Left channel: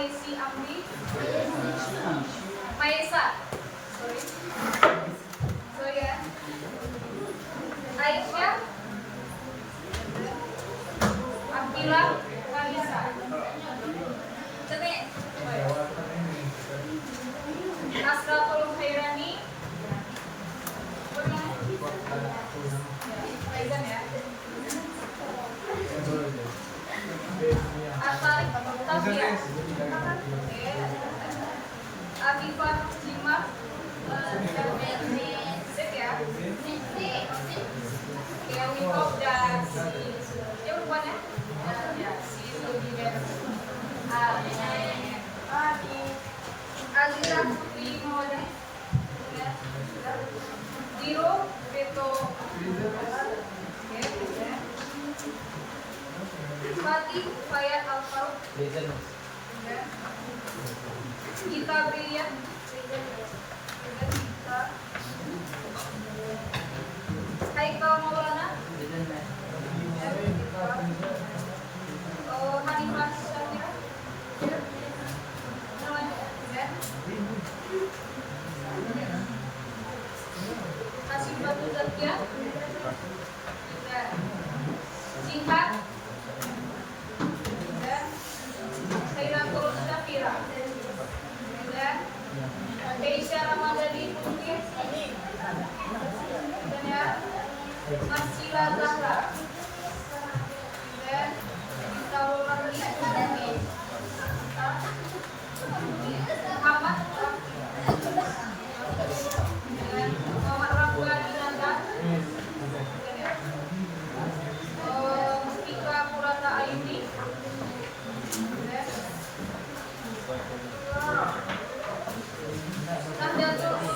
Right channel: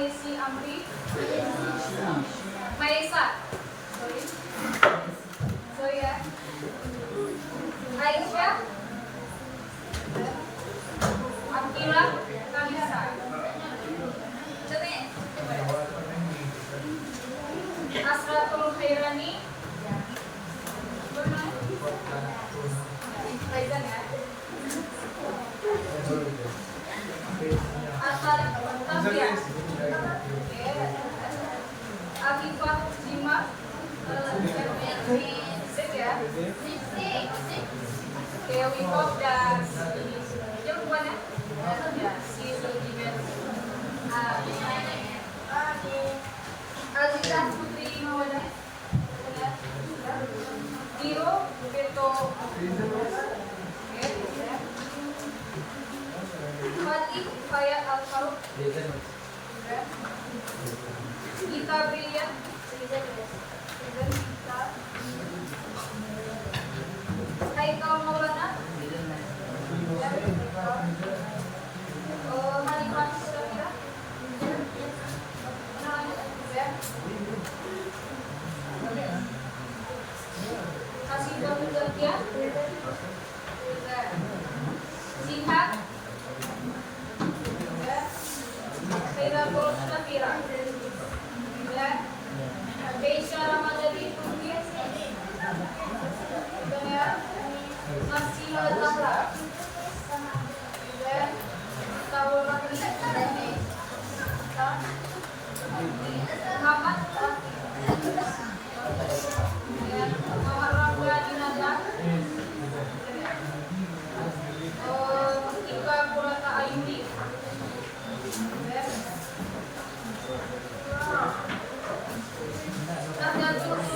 Mahesi Amri, Maesa, Zoya, Aisyah, Akila, Kanisa, Asratul Khairani, Faizan ya, Asal Tasya, Akifah Lima, Sip ya, Dewi Pop dan dia bukannya ya si Zulgiben, Azira Putri Mawadah, Zero Beto, Fatih Fayat Al-Faruq, Gita Brilian, Haikal Maulana, Manifah Syafira, Kasih Batu Zarkia, Singhat, Khairatul Safira, Keisha Ramadhani Putri, dan ya Marsila Zahra, dan Tawarani, Muhammad Muhammad Rangga Dinata, Mustika Purata Ayuni, Sarjanto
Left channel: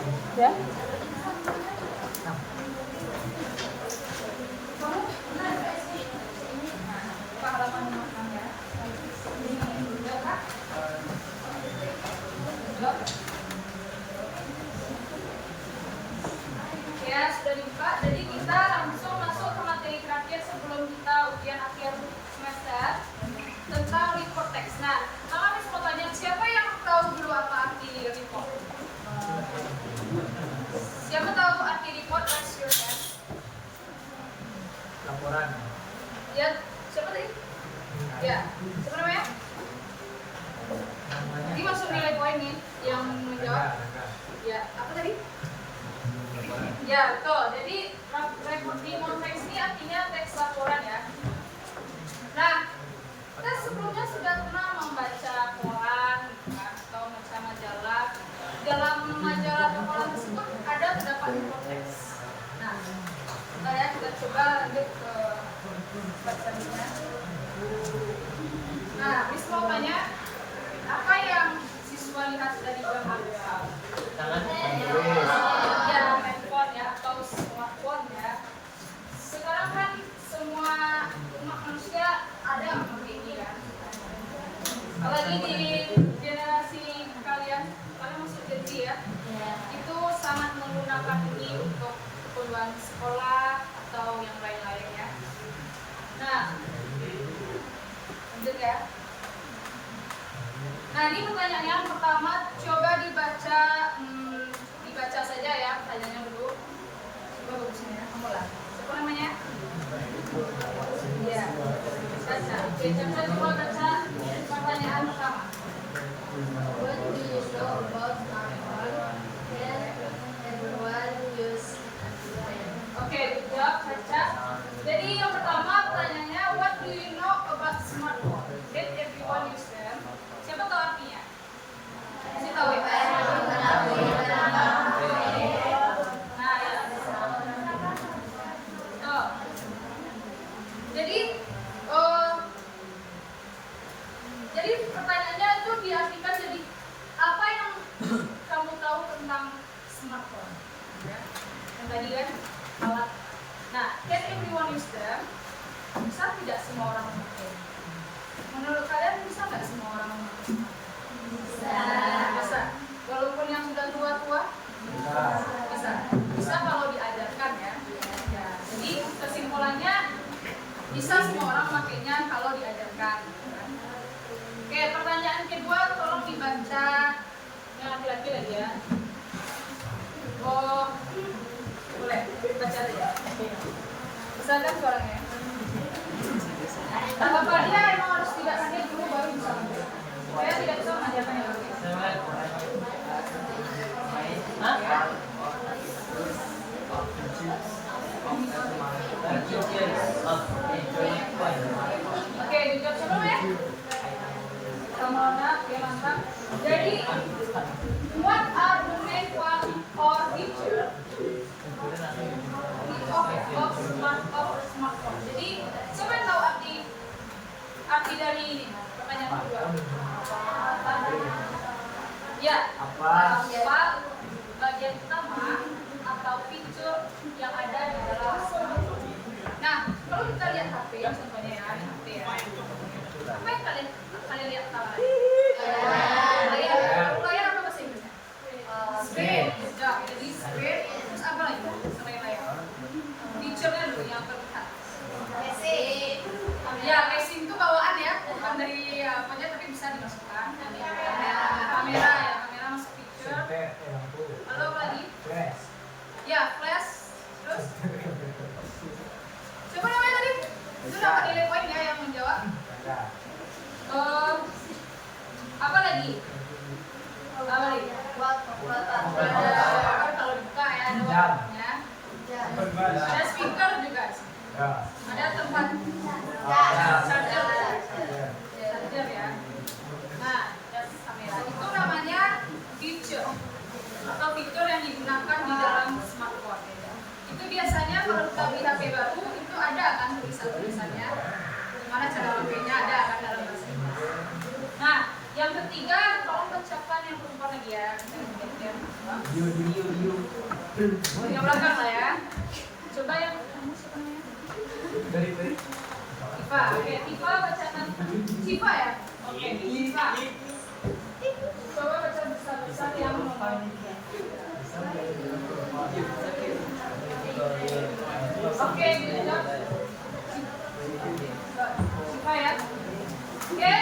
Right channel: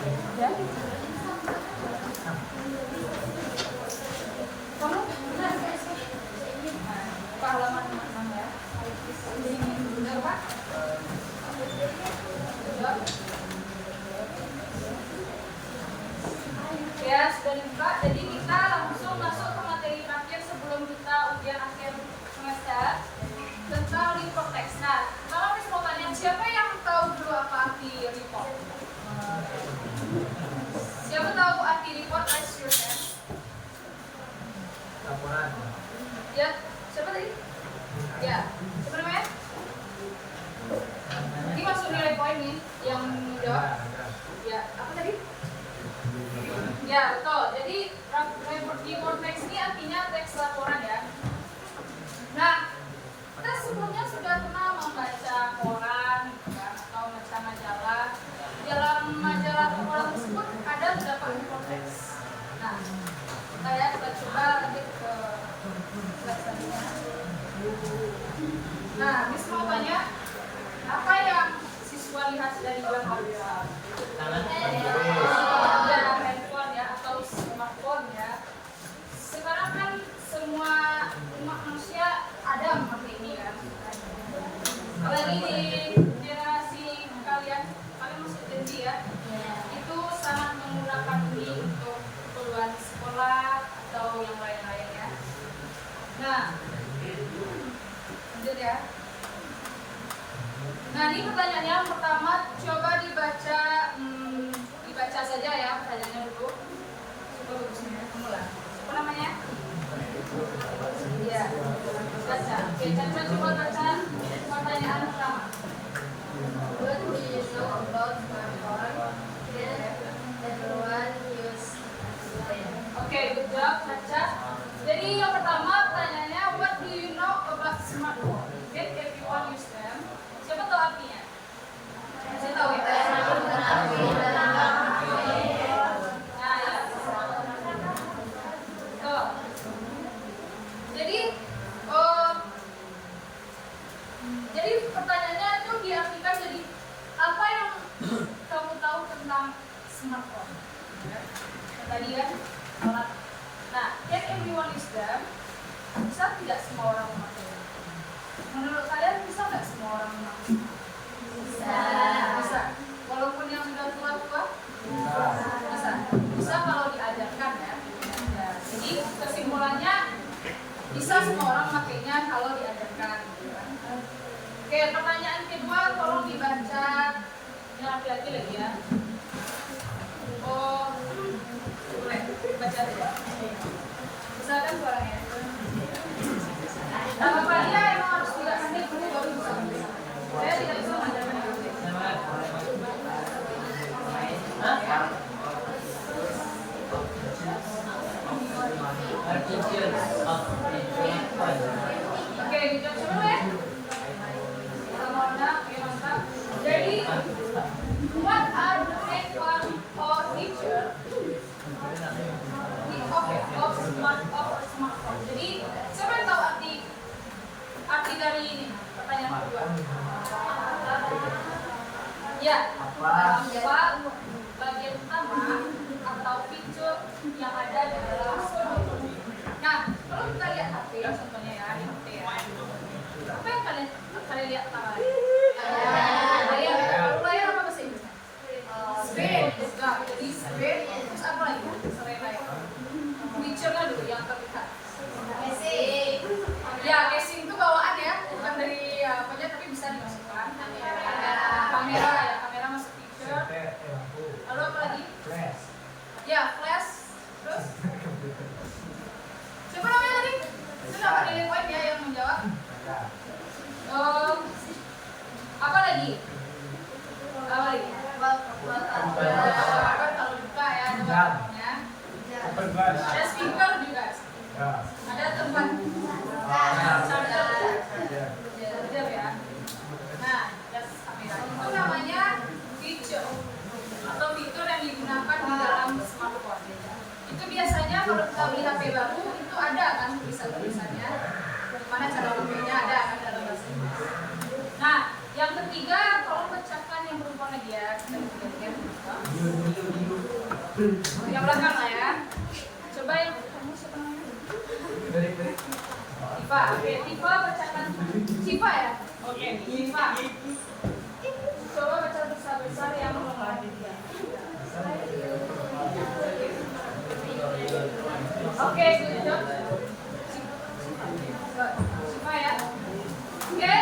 Ya. Kamu ya sudah dibuka, jadi kita langsung masuk ke materi terakhir sebelum kita ujian akhir semester tentang report text. Nah, kalau Miss mau tanya, siapa yang tahu dulu apa arti report? Siapa tahu arti report? Raise your hand. Ya, siapa tadi? Ya, siapa namanya? Ini masuk nilai poin nih yang menjawab. Ya, apa tadi? Ya, betul. Jadi report text ini artinya teks laporan ya. Nah, kita sebelumnya sudah pernah membaca koran kan, atau membaca majalah. Dalam majalah atau koran tersebut ada terdapat report text. Nah, kita coba lanjut ke selanjutnya. Nah, Miss mau tanya, apa yang siswa lihat dari gambar? Ya, handphone ya, atau smartphone ya. Sekarang kan semua umat manusia ada memakai ini kan. Apalagi di generasi kalian masih Gen Z ya, itu sangat menggunakan ini untuk keperluan sekolah atau yang lain-lain ya. Nah, lanjut ya. Nah, ini pertanyaannya yang pertama, coba dibaca saja ya pertanyaannya dulu. Coba bagusnya ya, kamu lah. Siapa namanya? Iya, Caca. Oke, Caca coba baca pertanyaan pertama. What do you know about smartphone? Then everyone use them. Oke, good job, Caca. Jadi yang pertama pertanyaannya, what do you know about smartphone? Then everyone use them. Siapa tahu artinya? Saya tahu ya. Nah, ya. Oh. Jadi pertanyaannya itu diartikan jadi apa yang kamu tahu tentang smartphone? Ya. Tadi kan alat. Nah, can everyone use them? Bisa tidak semua orang memakai? Menurut kalian bisa nggak semua orang memakai? Bisa. Walaupun yang sudah tua-tua? Bisa. Bisa kalau diajarkan ya. Jadi kesimpulannya bisa semua orang memakainya kalau diajarkan. Oke, pertanyaan kedua tolong dibaca yang laki-laki lagi ya. Oh, boleh baca aja. Misalkan suaranya. Nah, Bapak dia emang harus 3 menit dulu baru bisa. Saya tidak bisa mengajarkan yang lain. Oke, dijawab dulu ya. Pertama, ya mantap. Jadi, what are the main part or feature of smartphone? Jadi, siapa yang tahu arti dari ini? Pertanyaan kedua. Ya, apa bagian utama atau fitur yang ada di dalam smartphone? Nah, kalau kita lihat HP, contohnya ya, ini HP ya. Apa yang kalian lihat tadi? Layar. Kalau layar apa bahasa Inggrisnya? Screen. Ya, jadi screen. Terus apa lagi selain layar? Fiturnya dulu yang terlihat. Casing. Ya, casing itu bawaan ya, bukan dari apanya tapi bisa dimasukkan. Ada kamera ya, kamera masuk fitur. Lalu apa lagi? Ya, flash. Terus? Siapa namanya tadi? Itu dapat nilai poin ya yang menjawab. Apa lagi? Apa lagi? Kan kalau dibuka ya ada warnanya. Ada speaker juga. Ada tempat charger. Charger ya. Nah, kamera itu namanya fitur atau fitur yang digunakan di dalam smartphone. Itu biasanya kalau kita beli HP baru itu ada kan tulisannya. Mana cara memakainya ada kan dalam bahasa Inggris. Nah, yang ketiga tolong bacakan yang perempuan lagi ya. Kita lihat. Yang belakang lah ya. Coba yang kamu siapa namanya? Tifa. Oke, Tifa bacakan. Tifa ya? Oke, Tifa. Coba baca besar-besar yang nomor 3. Oke, good job. Tifa ya. Oke,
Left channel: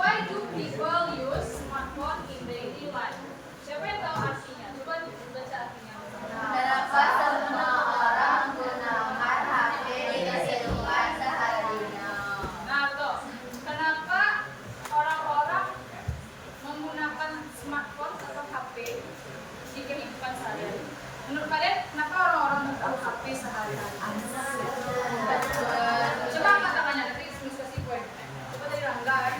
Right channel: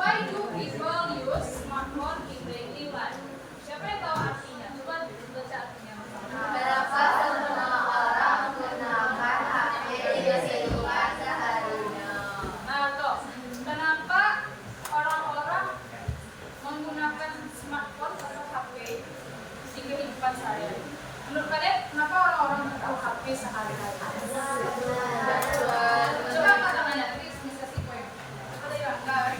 why do people use smartphone in daily life? Siapa yang tahu artinya? Coba baca artinya. Kenapa semua orang menggunakan HP di kehidupan seharinya? Nah, tuh. Kenapa orang-orang menggunakan smartphone atau HP di kehidupan sehari-hari? Menurut kalian, kenapa orang-orang butuh HP sehari-hari? Coba angkat tangannya, nanti bisa kasih poin. Coba tadi Rangga, ya.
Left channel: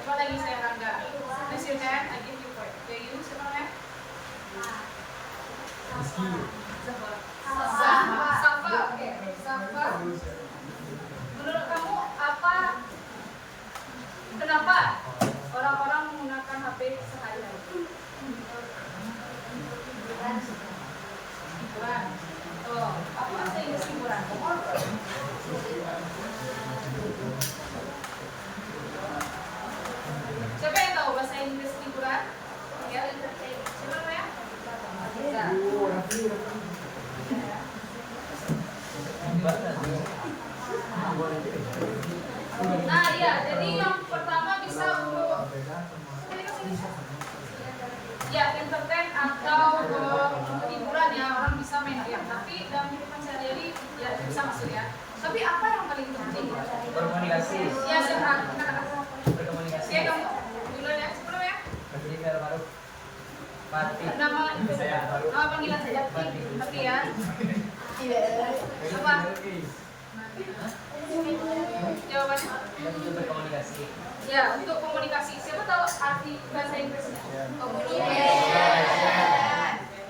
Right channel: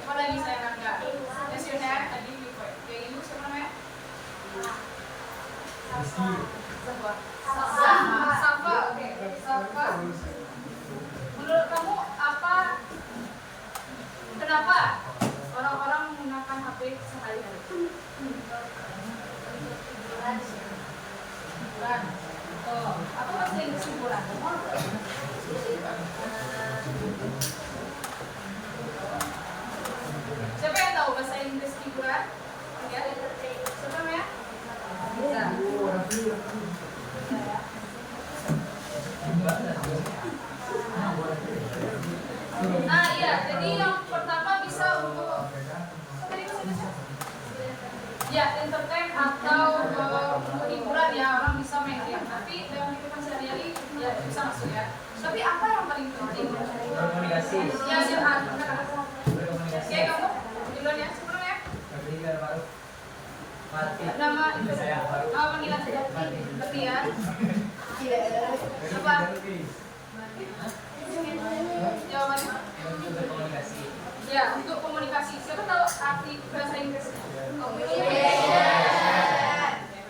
Coba lagi saya Rangga. Raise your hand, I give you point. Yang itu siapa namanya? Safa. Oke. Safa. Menurut kamu apa? Kenapa orang-orang menggunakan HP sehari-hari? Hiburan. Oh, apa bahasa Inggris hiburan? Siapa yang tahu bahasa Inggris hiburan? Ya, siapa namanya? Bisa. Nah, iya. Jadi yang pertama bisa untuk tadi bahasa Indonesia? Ya, entertain atau hiburan ya, orang bisa main game. Tapi dalam kehidupan sehari-hari ya bisa masuk ya. Tapi apa yang paling penting? Berkomunikasi. Ya, katakan. Berkomunikasi. Oke, kamu duluan ya. Siapa namanya? Fatih. Nama itu ya. Nama panggilan saja. Berarti ya. Apa? Jawabannya? Berkomunikasi. Ya, untuk komunikasi. Siapa tahu arti bahasa Inggrisnya?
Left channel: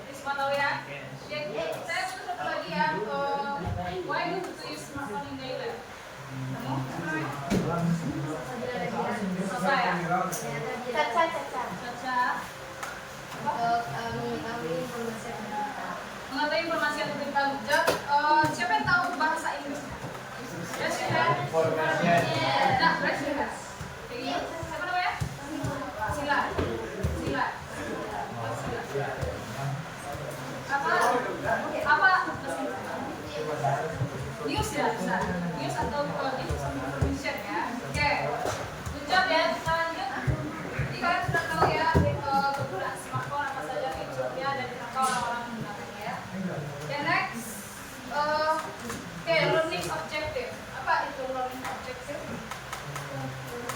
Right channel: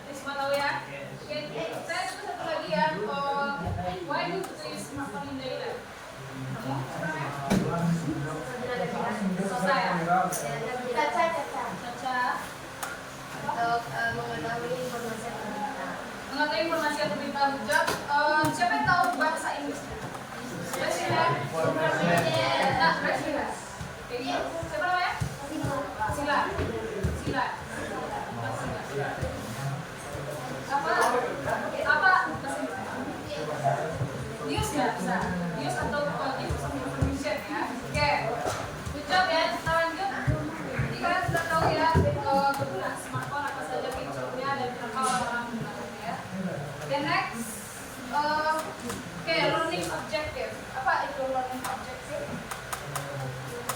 Semua tahu ya? Oke, saya tulis satu lagi ya. Why do you use smartphone in daily life? Kamu? Apa namanya? Sosa ya? Caca. Untuk mengetahui informasi tentang Mengetahui informasi yang tentang hujat. Siapa yang tahu bahasa Inggrisnya? Raise your hand. Nah, raise your hand. Jadi, siapa namanya? Sila. Apa bahasa Inggris? News ya, bisa. News atau give some information ya. Oke. Good job ya. Kita lanjut. Jadi kalian sudah tahu ya kegunaan smartphone apa saja fiturnya dan kenapa orang-orang menggunakannya. The next, learning objective. Apa itu learning objective?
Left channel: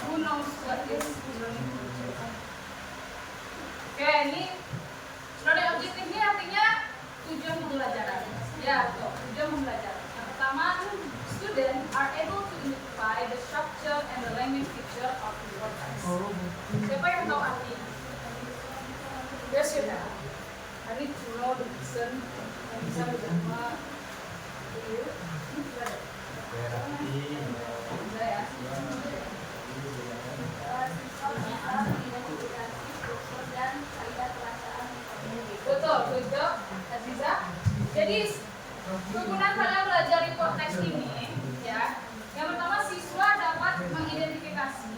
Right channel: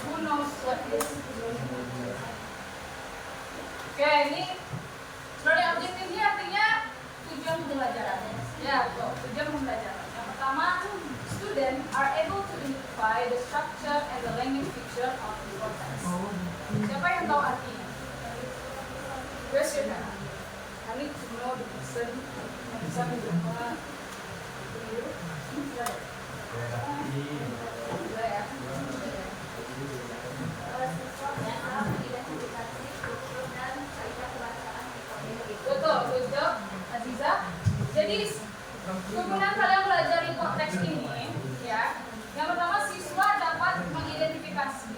Who knows what is learning objective? Oke, ini learning objective ini artinya tujuan pembelajaran. Ya, betul. Tujuan pembelajaran. Yang pertama, students are able to identify the structure and the language feature of the context. Siapa yang tahu artinya? Raise your hand. I need to know the person yang bisa menerima itu. Sudah ya. Betul, good job, Aziza. Jadi kegunaan kalian belajar di konteks ini, ya. Yang pertama, siswa dapat mengidentifikasi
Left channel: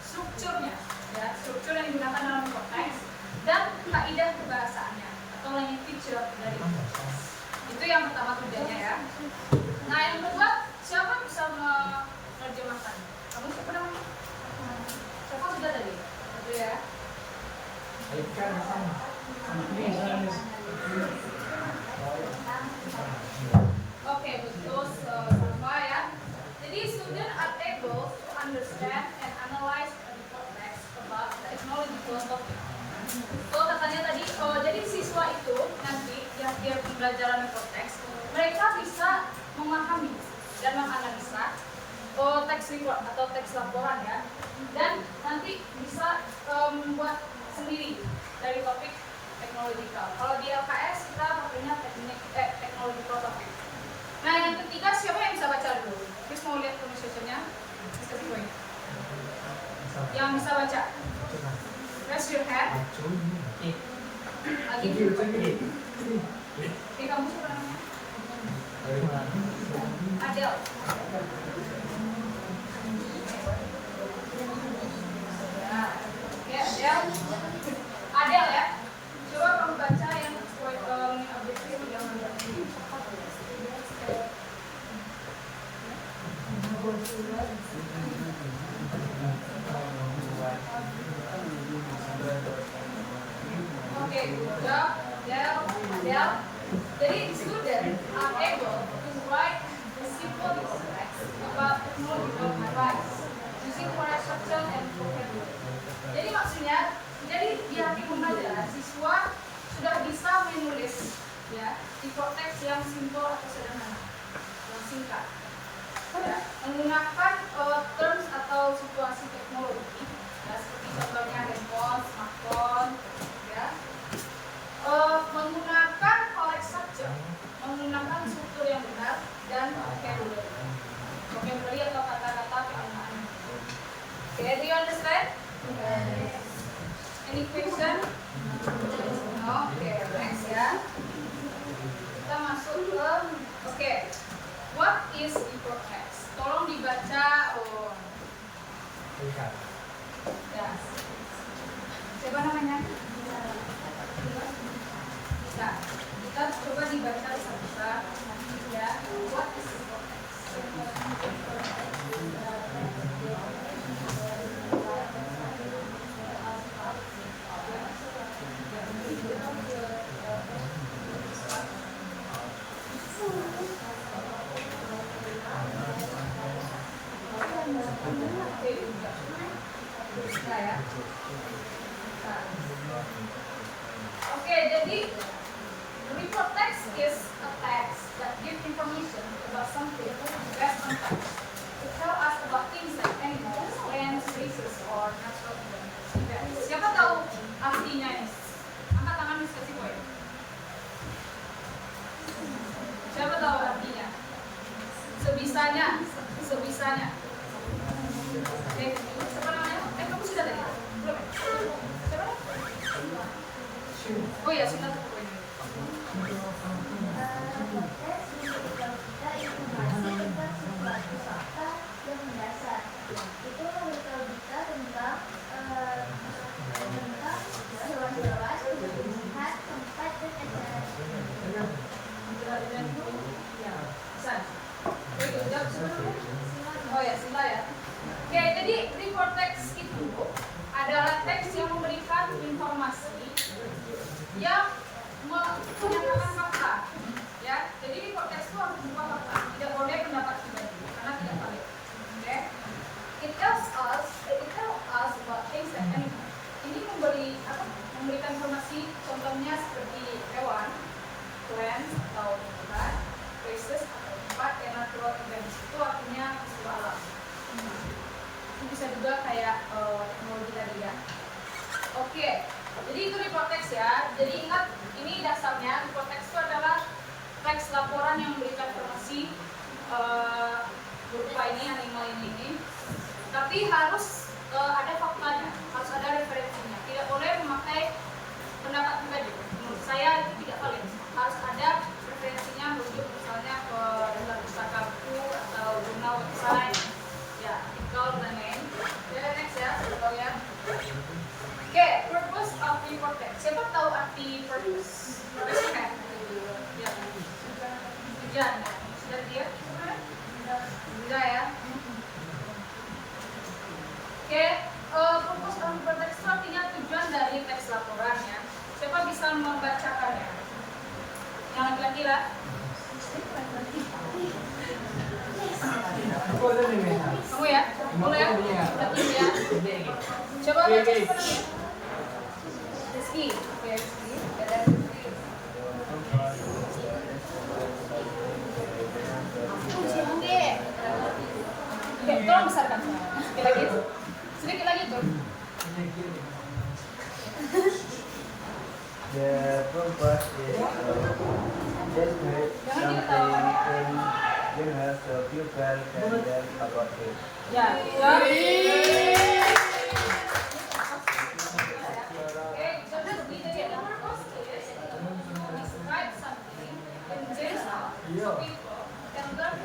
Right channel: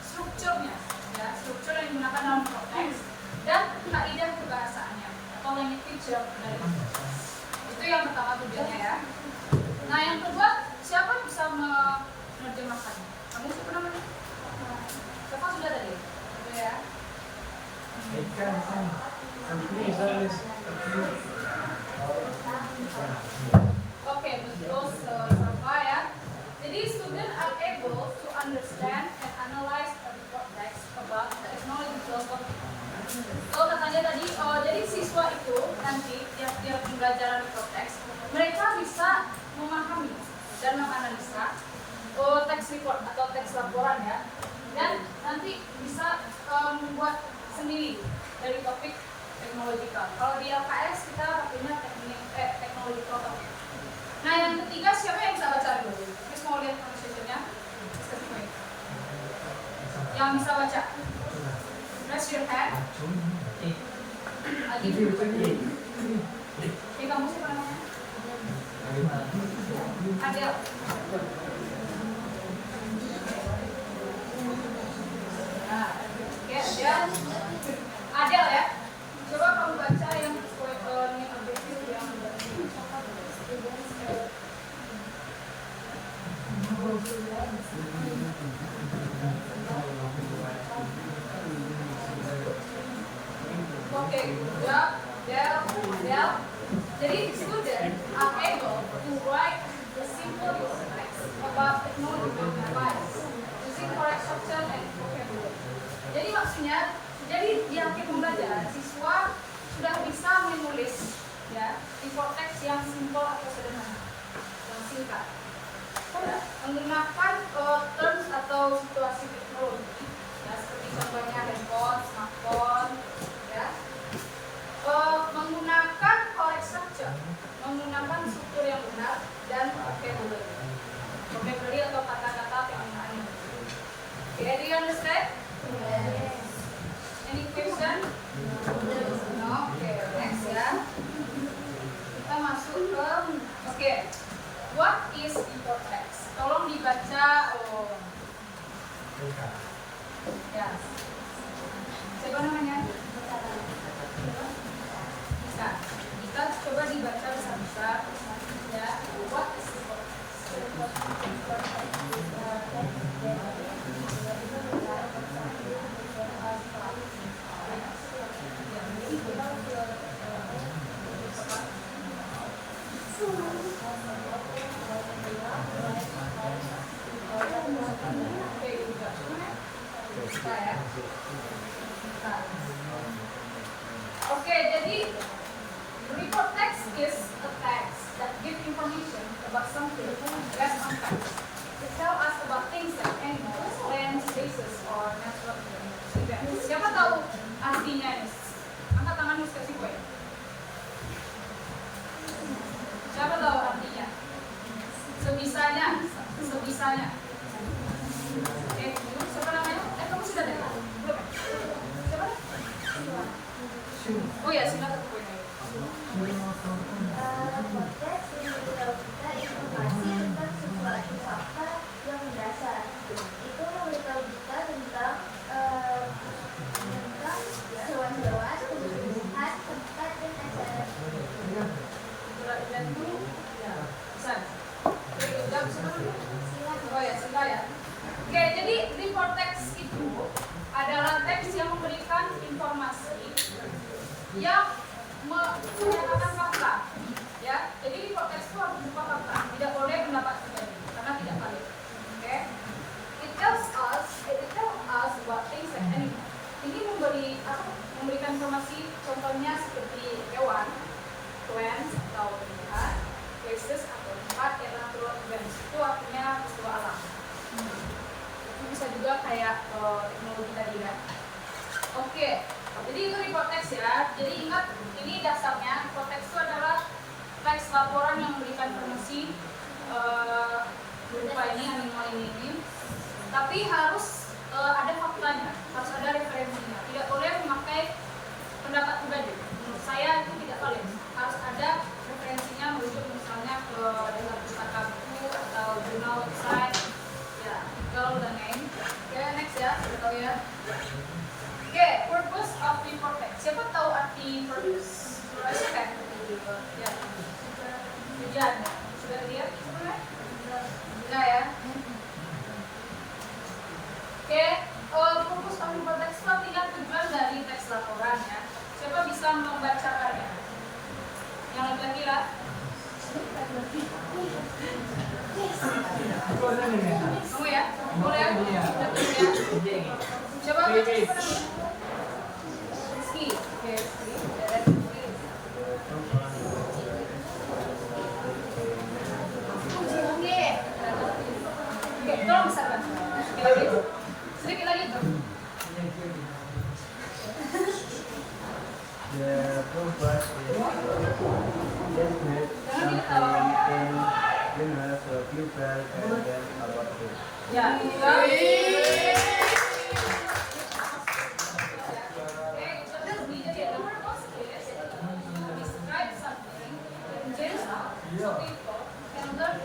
strukturnya, ya, struktur yang digunakan dalam konteks dan kaidah kebahasaannya atau language feature dari konteks. Itu yang pertama tujuannya ya. Nah, yang kedua, siapa bisa menerjemahkannya? Kamu siapa namanya? Siapa sudah tadi? Oke ya. Oke, betul Safa ya. Jadi student are able to understand and analyze the context about the technological topic. Kalau katanya tadi, jadi siswa itu nanti yang dia pembelajaran di konteks, mereka bisa memahami dan menganalisa teks report atau teks laporan ya, dan nanti bisa membuat sendiri dari topik teknologikal. Kalau di LKS kita pakainya teknologikal topik. Nah, yang ketiga, siapa yang bisa baca dulu? Terus mau lihat conversationnya? Yang bisa baca? Raise your hand. lagi ini kamu siapa namanya? Adel. Ya, oke Adel. Adel ya. Coba kamu baca yang sesuai yang objektif yang oke, good job, Adel. Jadi students are able to write the simple text about technological device using correct structure and vocabulary. Jadi maksudnya, jadi di akhir pembelajaran siswa sudah bisa menulis ya di teks yang simple atau sederhana, yang singkat. Ya, menggunakan terms atau situasi teknologi, ya, seperti contohnya handphone, smartphone, ya. Menggunakan correct structure, menggunakan struktur yang benar dan vocabulary atau kata-kata penggunaan. Okay, do you understand? Yes. Any question? No. Okay, next ya. Kita masuk ke okay. What is hypertext? Tolong dibaca. Ya. Siapa namanya? Bisa. Kita coba dibaca bisa-bisa. Ya. What is Oke, jadi report text is a text that give information about something based on text. It tell us about things like animals, lands, spaces, or natural events. Siapa tahu artinya ini? Angkat tangan Miss kasih gue. Siapa tahu artinya? Sebisanya. Siapa namanya? Kamu sudah ada ya? Belum ya? Siapa? Oh ya, silakan satu poin lagi. Teks memberitahu kita informasi tentang sesuatu fakta yang mendasar. Itu memberitahu kita tentang hewan-hewan, tumbuh-tumbuhan, tempat dan acara. Oh ya, Sinta ya. Oke, jadi report text itu adalah teks yang memberikan informasi yang menyatakan fakta. Ya, jadi report text itu harus berupa fakta, tidak boleh pendapat pribadi karena tidak valid. Oke. It tells us about things like animals. Ini memberikan informasi contohnya seperti hewan, plants atau tumbuhan, places atau tempat, dan natural events itu artinya peristiwa alam. Itu bisa juga kayak teknologi tadi ya. Oke, jadi itu report text ya. Jadi ingat ini dasarnya report text itu adalah teks laporan yang memberikan informasi berupa ini animal ini. Tapi harus ada faktanya, harus ada referensinya. Tidak boleh memakai pendapat pribadi. Menurut saya itu tidak valid. Harus ada referensinya merujuk misalnya ke dalam pustaka buku atau jurnal website, ya, artikel dan lain. Oke, next ya, sudah tahu ya. Oke, purpose of report text. Siapa tahu arti purpose? Ya, tujuan. Sudah dia? Sudah ya. Oke, purpose of report text itu artinya tujuan dari teks laporan ya. Siapa bisa membacakannya?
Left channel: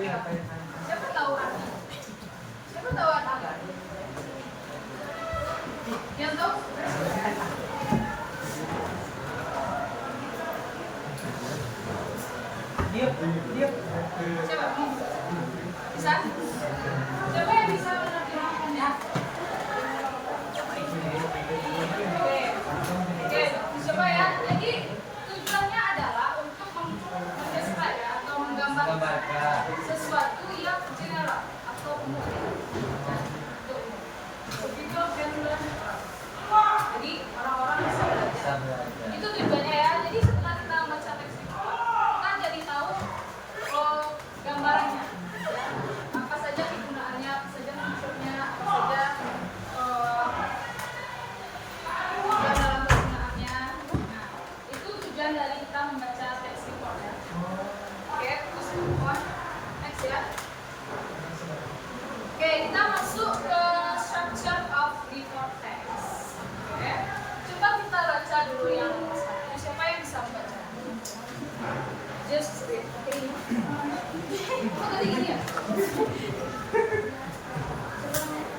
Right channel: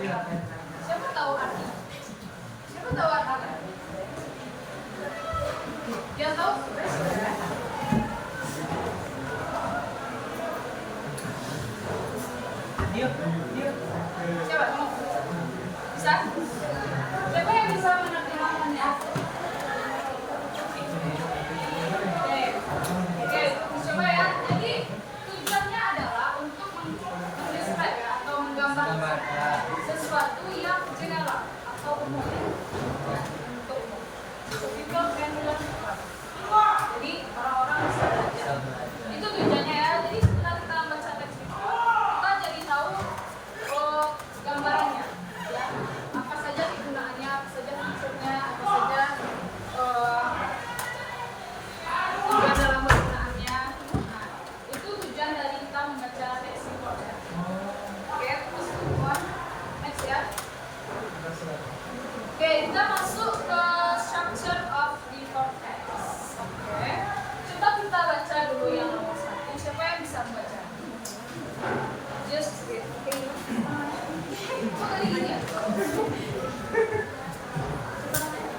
Siapa tahu arti? Siapa tahu arti? Yang tahu? Dia. Coba ngomong. Bisa? Siapa yang bisa menerjemahkannya? Oke, coba ya. Jadi tujuannya adalah untuk mendeskripsikan atau menggambarkan sesuatu yang general atau umum. Typical general. Jadi orang-orang bisa belajar. Itu tujuannya ya. Jadi setelah kita baca teks report, kita jadi tahu gambarannya. Ya. Apa saja kegunaannya, apa saja fiturnya, apa saja tujuan dalam penggunaannya. Nah, itu tujuan dari kita membaca teks report ya. Oke, terus semua next ya. Oke, kita masuk ke structure of report text. Oke, coba kita baca dulu yang nomor 1. Siapa yang bisa baca? Just read. Oke, ini. Kamu tadi gini ya? Siapa namanya?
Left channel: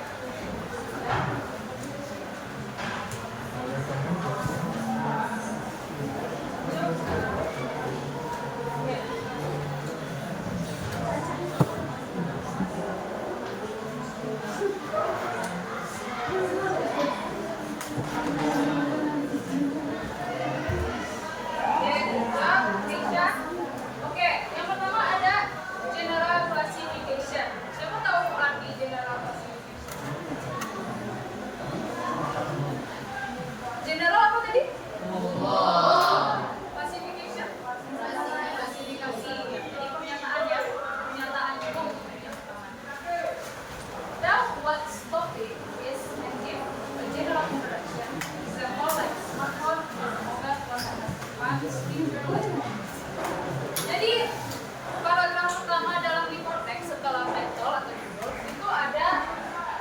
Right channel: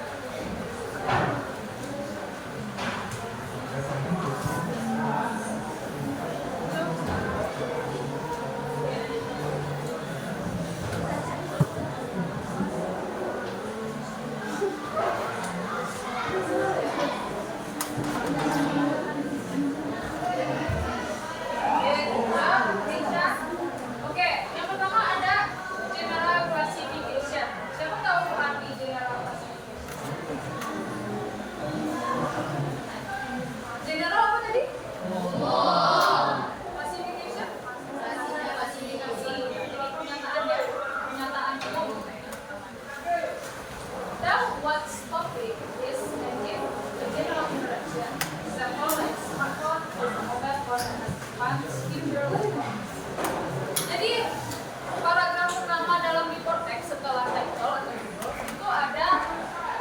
Ya. Oke, yang pertama ada general classification. Siapa tahu arti general classification? General apa tadi? Classification? Klasifikasi. Jadi pernyataannya, pernyataan umum. Now, what's topic is and give a general introduction. Example like smartphone, mobile phone, and speaker. Jadi paragraf pertama dalam report text setelah title atau judul itu ada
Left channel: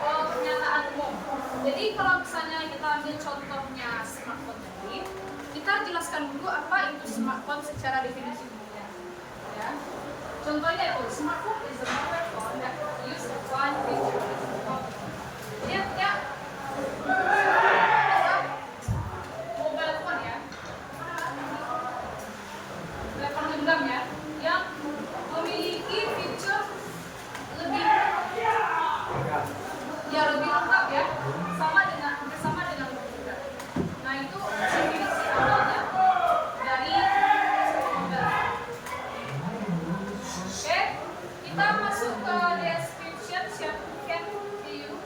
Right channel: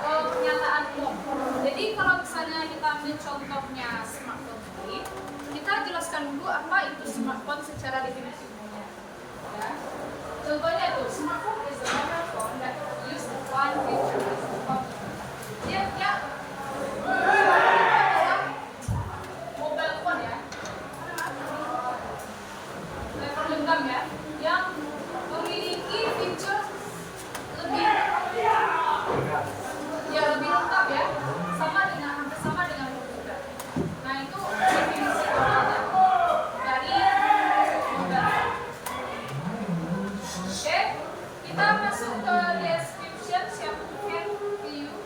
pernyataan umum. Jadi kalau misalnya kita ambil contohnya smartphone tadi, kita jelaskan dulu apa itu smartphone secara definisi umumnya. Ya. Contohnya itu smartphone is a mobile phone that use one feature as a phone. Ya, itu adalah mobile phone ya. Telepon genggam ya, yang memiliki fitur lebih lengkap ya, hampir sama dengan komputer. Nah itu definisi awalnya dari mobile phone. Oke, kita masuk ke description. Siapa can view?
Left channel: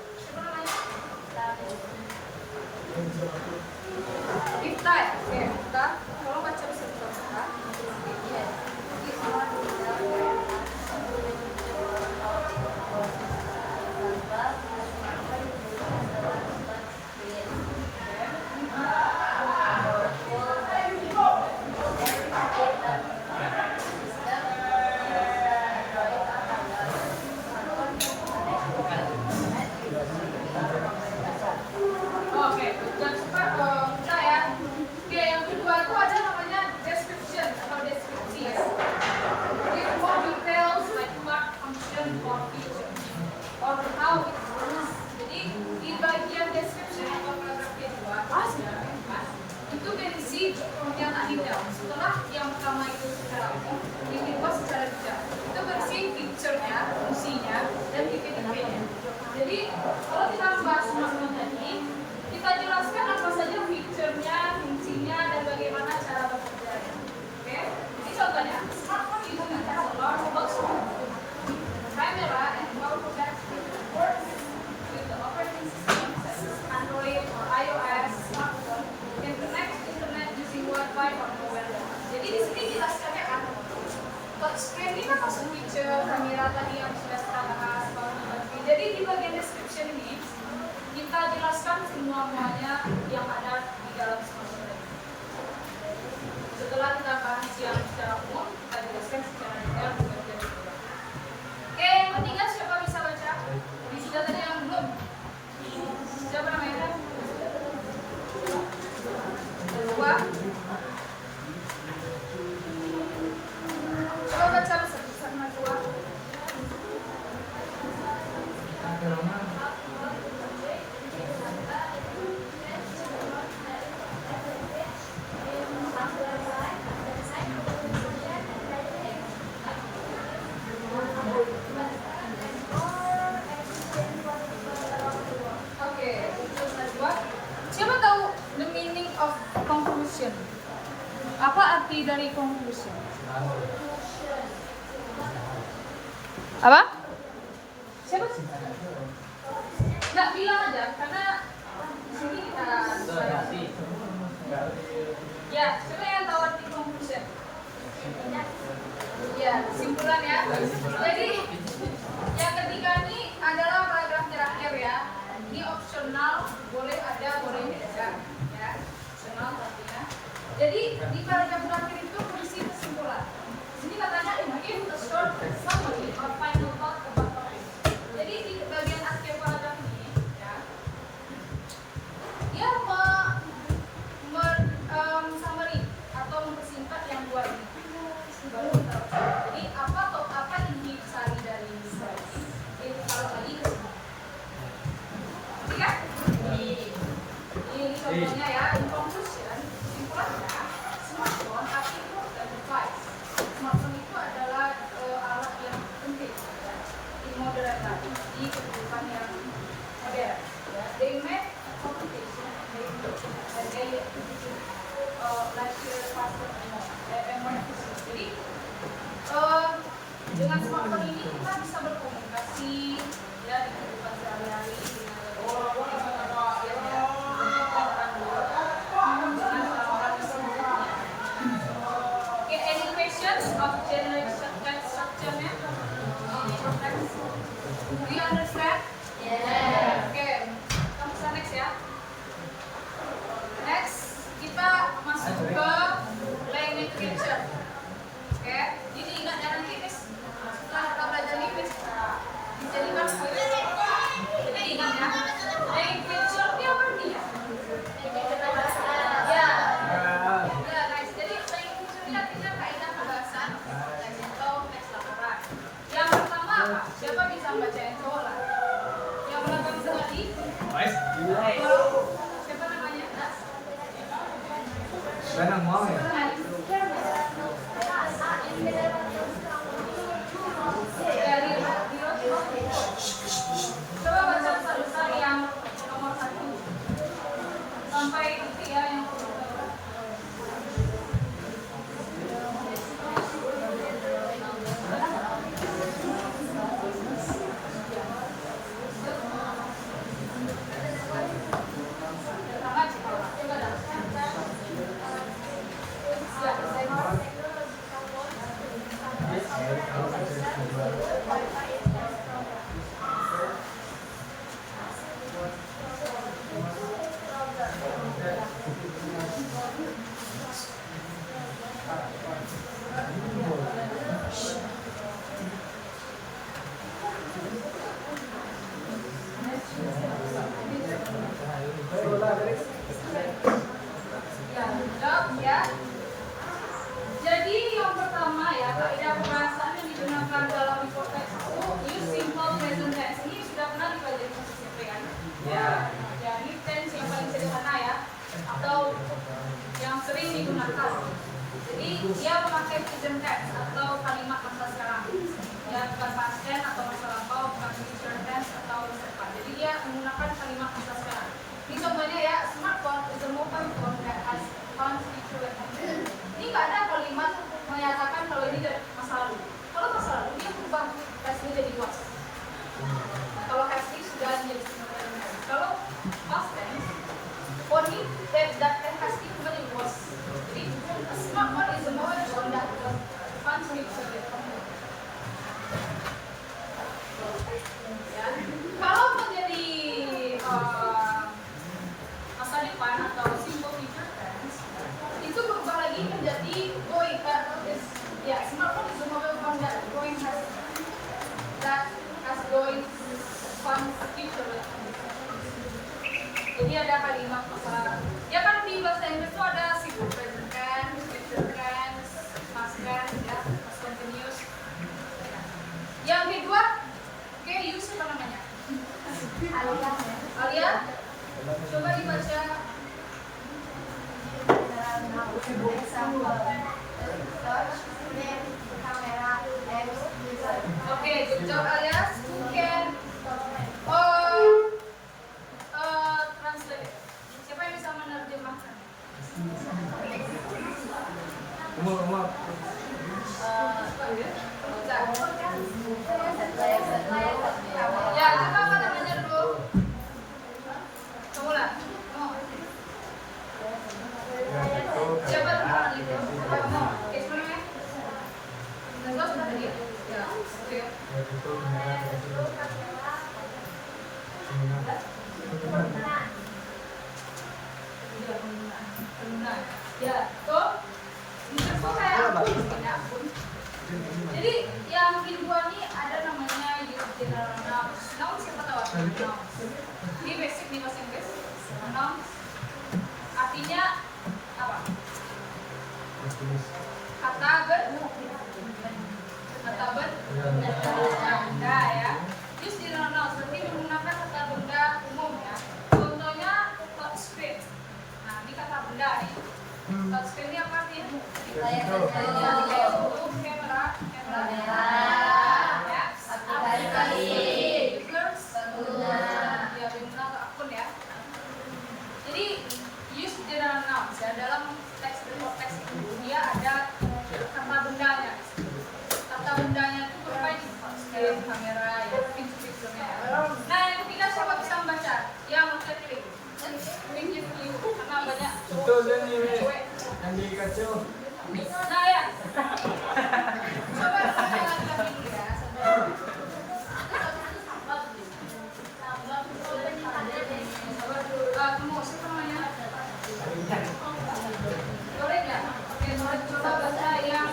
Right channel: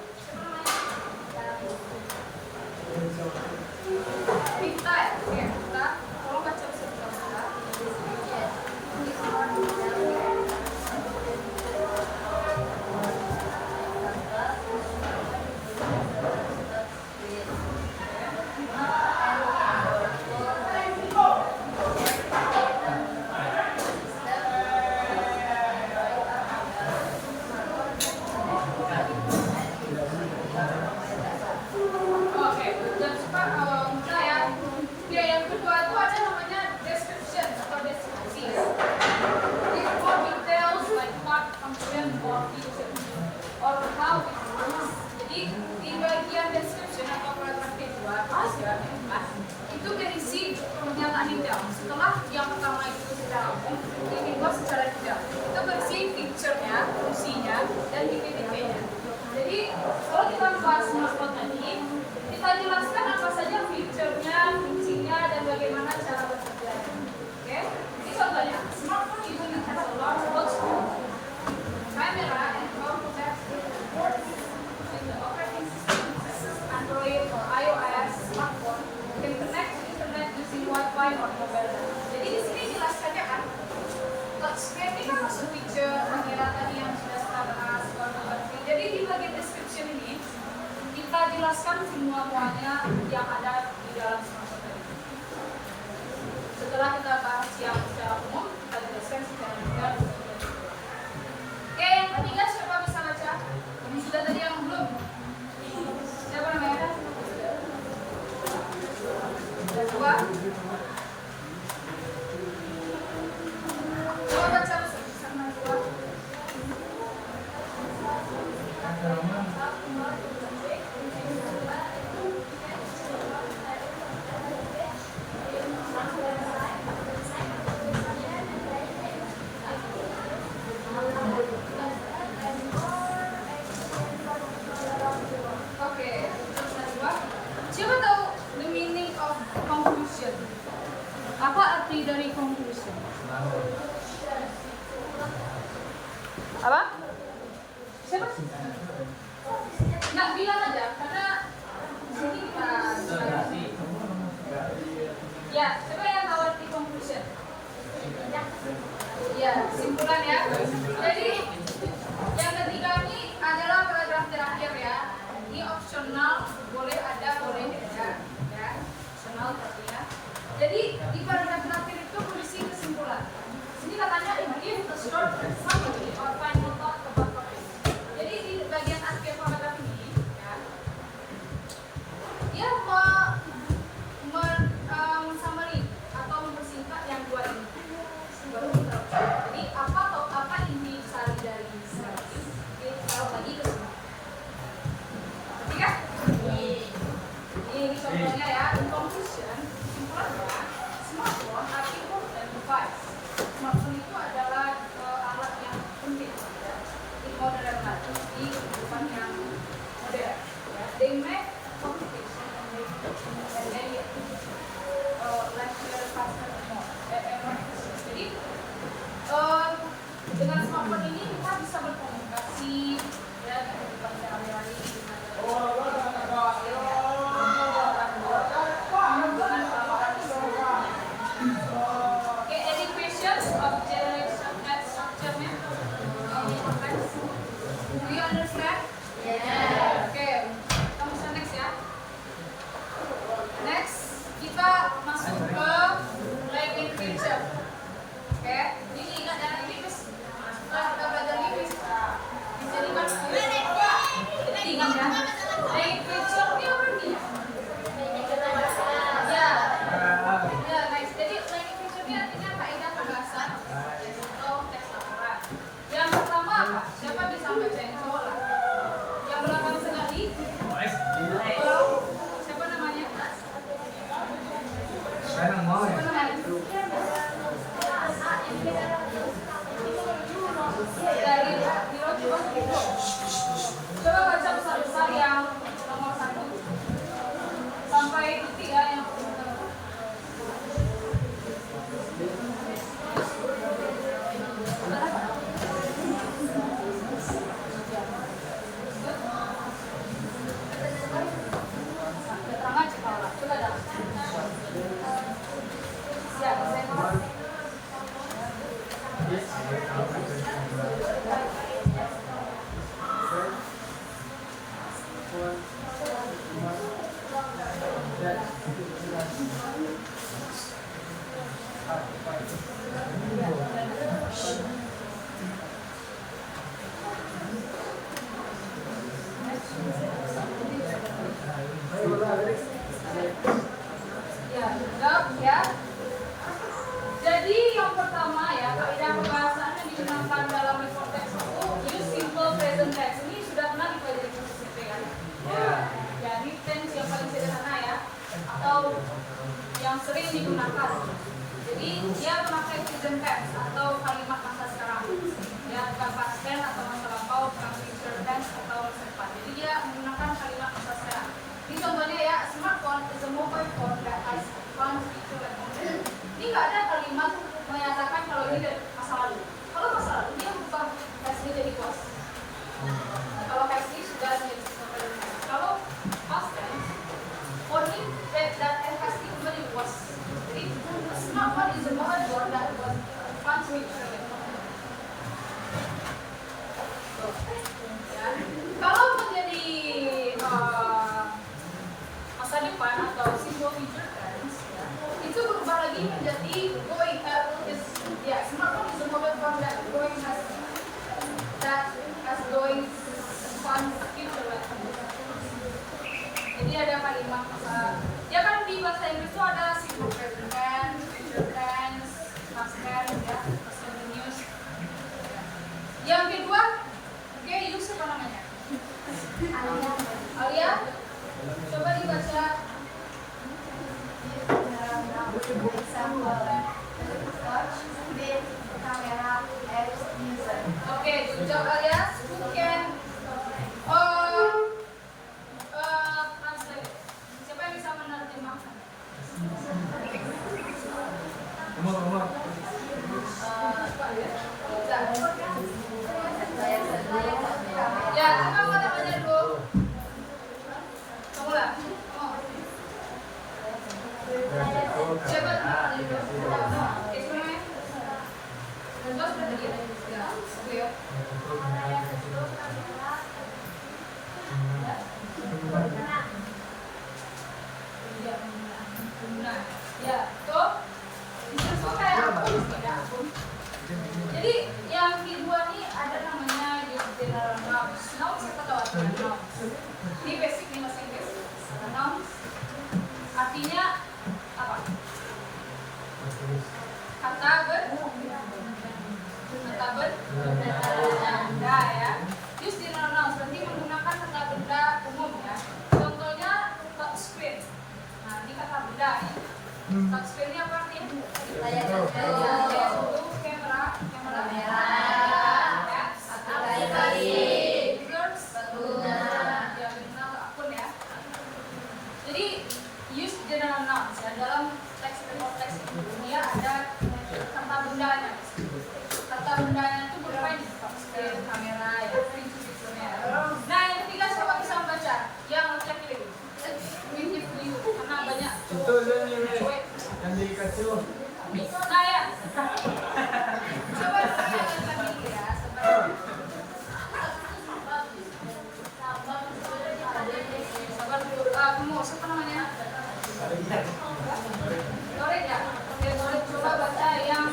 Kita ya, oke kita kalau baca bisa kita buka. Oke, yang suka kita ya. Oke, yang kedua itu ada namanya description atau deskripsi ya. With more details like what function or feature or how it works. Jadi di bagian description atau paragraf kedua itu berisi pernyataan detail. Setelah yang pertama itu secara umum, yang kedua secara detail. Itu berisi feature-nya, fungsinya, dan tipe-tipenya. Jadi kalau kita membahas smartphone tadi, kita jelaskan apa saja fiturnya, fungsinya, dan bagaimana cara bekerjanya. Oke? Ini contohnya, smartphone usually has a large touchscreen, camera, and powerful battery. With the operating system, Android or iOS smartphone, you can connect to internet using Wi-Fi or mobile data. Jadi di sini jelaskannya kan, touchscreen ini kan masuk fitur kamera tadi yang sudah kita bahas. Jadi di bagian description ini kita jelaskan semuanya yang ada di dalam smartphone tadi. Setelah kita bahas yang secara umum, kita jelaskan secara detail di bagian kedua. Oke, yang ketiga siapa bisa baca? Ini sudah tadi yang belum. Siapa namanya? Coba. Coba baca bersama-sama. dari conclusion. Apa? Siapa? Nggak bilang aja karena di sini kita. Ya, coba yang tahu arti conclusion. Ya, kesimpulan ya. Jadi yang ketiga ini adalah paragraf terakhir ya. Ini opsional, boleh ada, boleh tidak. Ya, opsional tapi ya. Jadi di paragraf terakhir itu berisi kesimpulan. Ini katanya give a short summary or final thought about topic. Jadi di bagian akhir paragraf ini ya, dia summary atau mempersingkat yang dua ini. Baru kita jadi apa inti besar dari slide ini? Kita taruh lagi ke sini. Ngerti kan? Ini contohnya ya. In conclusion, kesimpulannya, smartphone are important device. Smartphone itu adalah alat yang penting ya, di modern life, di kehidupan yang modern. Ya. They make communication and make life faster and more efficient. Jadi dengan smartphone ini kita bisa berkomunikasi ya di kehidupan sehari-hari dengan tawaran semuanya. Okay, any questions of generation structure-nya? Any context? Do you understand? Yeah. Okay, kita bisa next ya. Next, kita masuk ke language feature. Oke, ini ingat jangan lingkis. Setelah kita belajar lingkis, bisa dibuat skill. Jadi ingat ya, language feature dia apa dia? Ya, ya guys. Jadi language feature ini artinya kaidah perbahasan atau teks lamaran. Yang pertama apa? Siapa bisa membaca yang cowok lah? Yang berapa yang sekali? Siapa namanya? Sekarang mau ya? Dari coba baca besar-besar yang nomor 1 sampai titik ya yang ya. Jadi yang pertama ya, kaidah perbahasan yang digunakan dalam report text itu use simple present tense. Ini sudah pernah dipelajari di SMP kan? Ya. Ya, ini tense yang paling sederhana ya, atau yang sering digunakan. Jadi dia memakai present tense atau kalimat masa sekarang. Ya, bukan past tense atau masa lampau, bukan future tense atau masa depan. Jadi dia menggunakan kalimat masa sekarang. Ini contohnya ya, smartphone is a mobile phone that has one feature like that. Ini nggak ada kalimat menyatakan kalau ini dari masa lalu. Kalau masa lalu dia berubah past jadi was. Kalau past sudah menjadi sekarang. Kalau past tense, only that has kembali was. Jadi smartphone is a mobile phone that was one feature like that. Ya. Kalau menjadi masa depan atau simple future tense itu berubah lagi menjadi going ya smartphone is a mobile phone that has going fun future like. Jadi ada kalimat ya kan di bahasa Inggris itu ada simple present tense, future tense, past tense ya, past continuous. Yang kedua, oke, use apa namanya? Alia, coba dibaca. Oke, good job Alia. Who can translate? Siapa yang bisa Ya, coba apa namanya dulu? Kamu lah. Oh. Siapa itu? Ekonomi. Lepas berapa dia? Ya, clear. Nah, ya, tuh bisa kayak akun, beda akun. Jadi yang kedua nih ada namanya general nouns. Nouns siapa tahu apa? Nouns. Ini basic nih bahasa Inggris. Nouns artinya apa? Kata benda ya. Use general nouns berarti menggunakan kata benda umum ya. Contohnya touchscreen. Nah, ini kata benda nih. Touchscreen ini apa artinya? Kamera ya. Ya, benar akun ya. Jadi use general nouns ya dalam teks itu dia ada kata bendanya. Kata bendanya itu berupa touchscreen, kamera ya, fiturnya. Nah, yang ketiga siapa bisa membaca? Yang klik. Ini view karena banyak cewek. Nah ya. Coba lagi ya, sabar. Sabar dulu. Kamu siapa namanya? Norek ya? Oke, Norek coba baca yang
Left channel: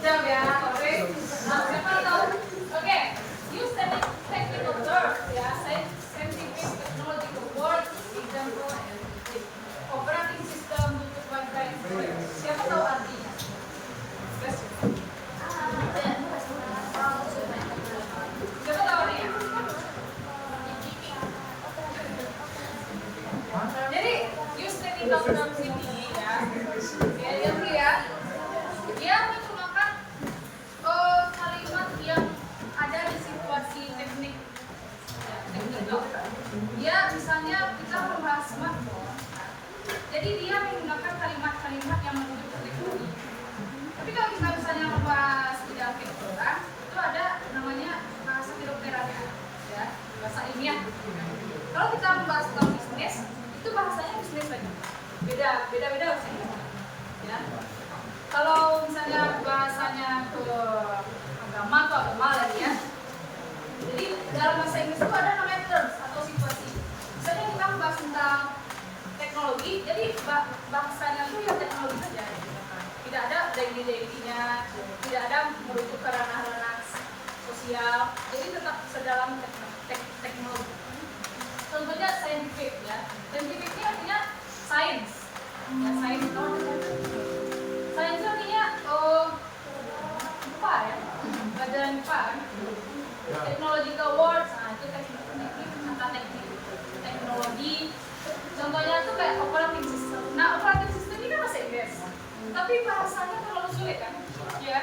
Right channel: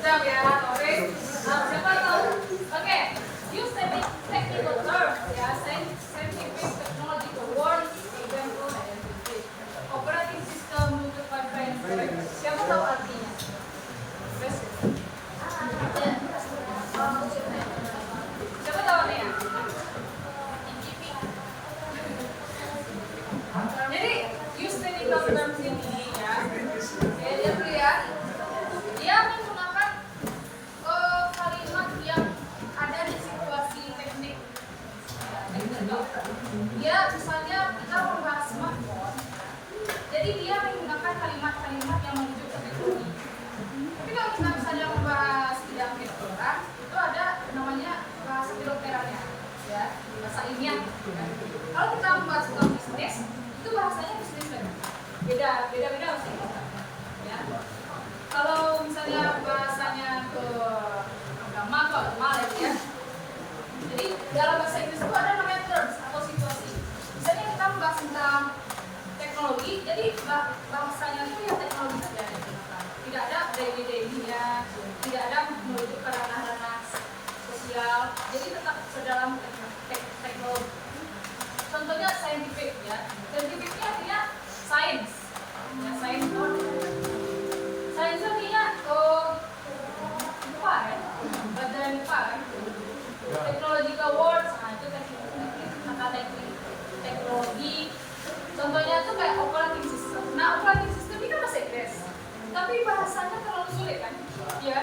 siap ya, oke. Siapa tahu? Oke, use technical terms ya, scientific, technological words, example, and operating system, Bluetooth, Wi-Fi. Siapa tahu artinya? Basic. Siapa tahu artinya? Jadi use technical terms ini ya. Oke, lihat dulu ya. Dia menggunakan kalimat yang ada di situasi teknik. Teknikal. Dia misalnya kita membahas smartphone. Jadi dia menggunakan kalimat-kalimat yang menuju ke teknologi. Tapi kalau kita misalnya membahas bidang kedokteran, itu ada namanya bahasa kedokterannya, ya, bahasa ilmiah. Kalau kita membahas tentang bisnis, itu bahasanya bisnis lagi. Beda sih. Ya. Kalau misalnya bahasanya ke agama atau agama lagi ya. Jadi dalam bahasa Inggris itu ada namanya terms atau situasi. Misalnya kita membahas tentang teknologi, jadi bahasanya itu yang teknologi saja yang digunakan. Tidak ada daily-nya, tidak ada merujuk ke ranah-ranah sosial. Jadi tetap sedalam teknologi. Contohnya scientific ya. Scientific ini artinya science. Ya, science itu Sains artinya IPA ya, pelajaran IPA kan. Technological words, nah itu kata teknologi. Contohnya itu kayak operating system. Nah, operating system ini kan bahasa Inggris, tapi bahasanya terlalu sulit kan? Ya,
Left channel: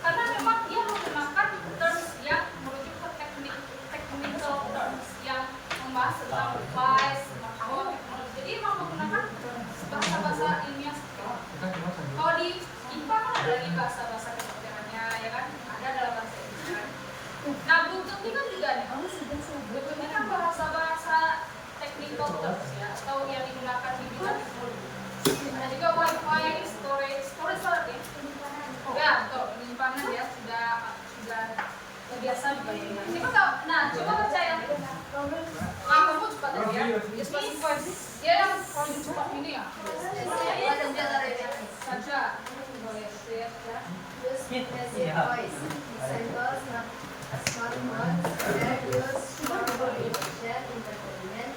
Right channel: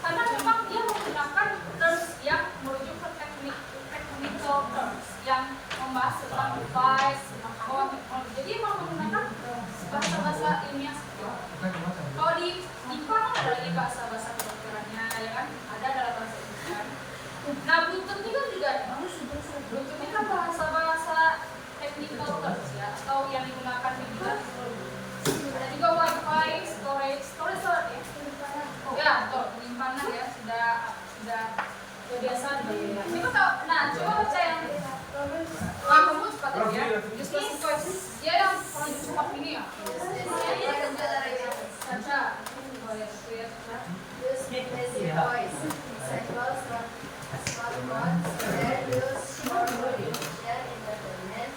karena memang dia menggunakan terms yang merujuk ke technical terms yang membahas tentang device, tentang teknologi. Jadi memang menggunakan bahasa-bahasa ilmiah. Kalau di IPA kan ada lagi bahasa-bahasa kedokterannya, ya kan? Ada dalam bahasa Inggris kan? Nah, Bluetooth ini kan juga nih. Bluetooth ini kan bahasa-bahasa technical terms ya, atau yang digunakan di bidang teknologi. Ada juga Wi-Fi, storage apa ya? Ya, betul, penyimpanan ya, sudah biasa juga. Siapa tahu? Nah, coba baca yang kamu cepat aja ya. Just passive voice. Dia yang paling cepat ini ya. Saja. Use passive voice. Examples from smartphones that use for communication, entertainment,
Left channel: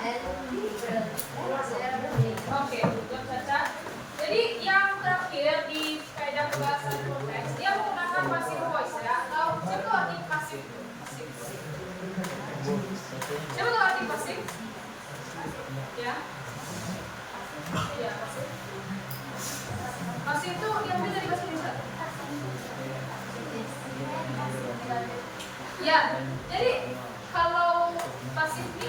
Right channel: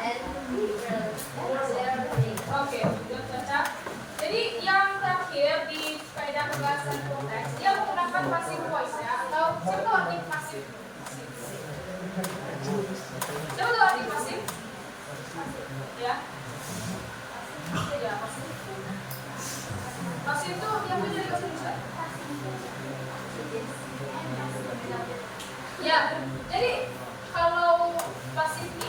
and learning. Oke, Caca. Jadi yang terakhir di kaidah bahasa default text dia menggunakan passive voice ya, atau siapa tahu arti pasif? Siapa tahu arti pasif? Ya, ya pasif. Pasif itu diambil dari bahasa Indonesia. Ya, jadi kalau pasif ini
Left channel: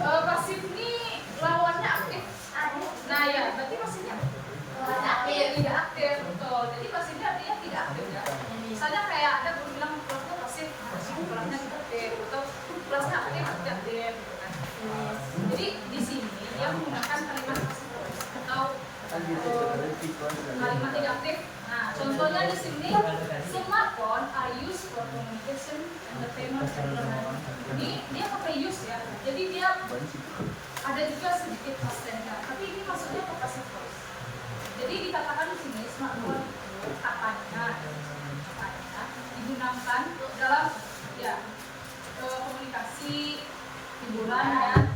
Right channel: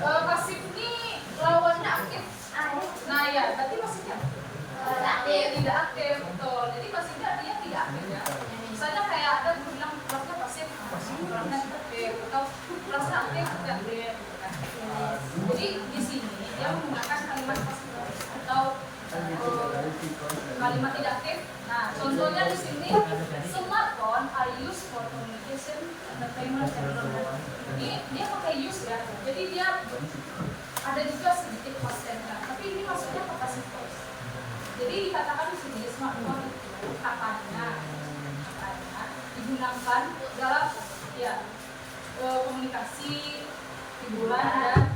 pasif ini lawannya aktif. Nah ya, berarti pasifnya tidak aktif, betul. Jadi pasifnya artinya tidak aktif ya. Misalnya kayak ada guru bilang kelasnya pasif, kelasnya aktif, atau kelasnya aktif tidak aktif. Gitu kan. Jadi di sini dia menggunakan kalimat pasif atau kalimat tidak aktif. Nah, contohnya di sini smartphone are used for communication, entertainment, and learning. Ini dia pakai use ya. Jadi dia ada juga sedikit past tense-nya, tapi ini maksudnya ke passive voice. Jadi dikatakan di sini smartphone itu katanya digunakan dalam ya komunikasi, hiburan dan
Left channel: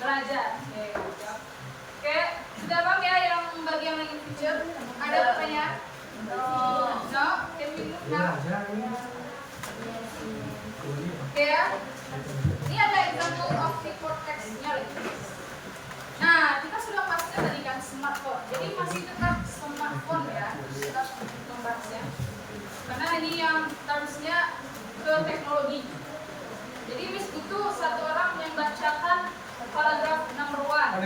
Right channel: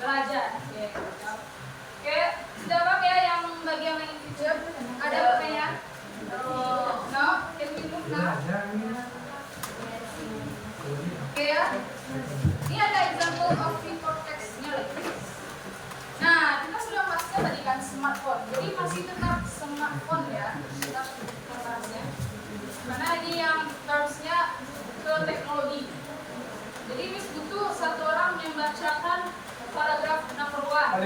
belajar. Oke, sudah paham ya yang bagian main picture? Ada pertanyaan? No? Can we move now? Oke ya. Ini ada example of report text-nya lagi. Nah, kita sudah bahasnya tadi kan smartphone. Jadi masih tetap smartphone ya. Tetap membahasnya. Karena ini yang terusnya ke teknologi. Jadi Miss butuh satu orang yang bacakan paragraf number 1.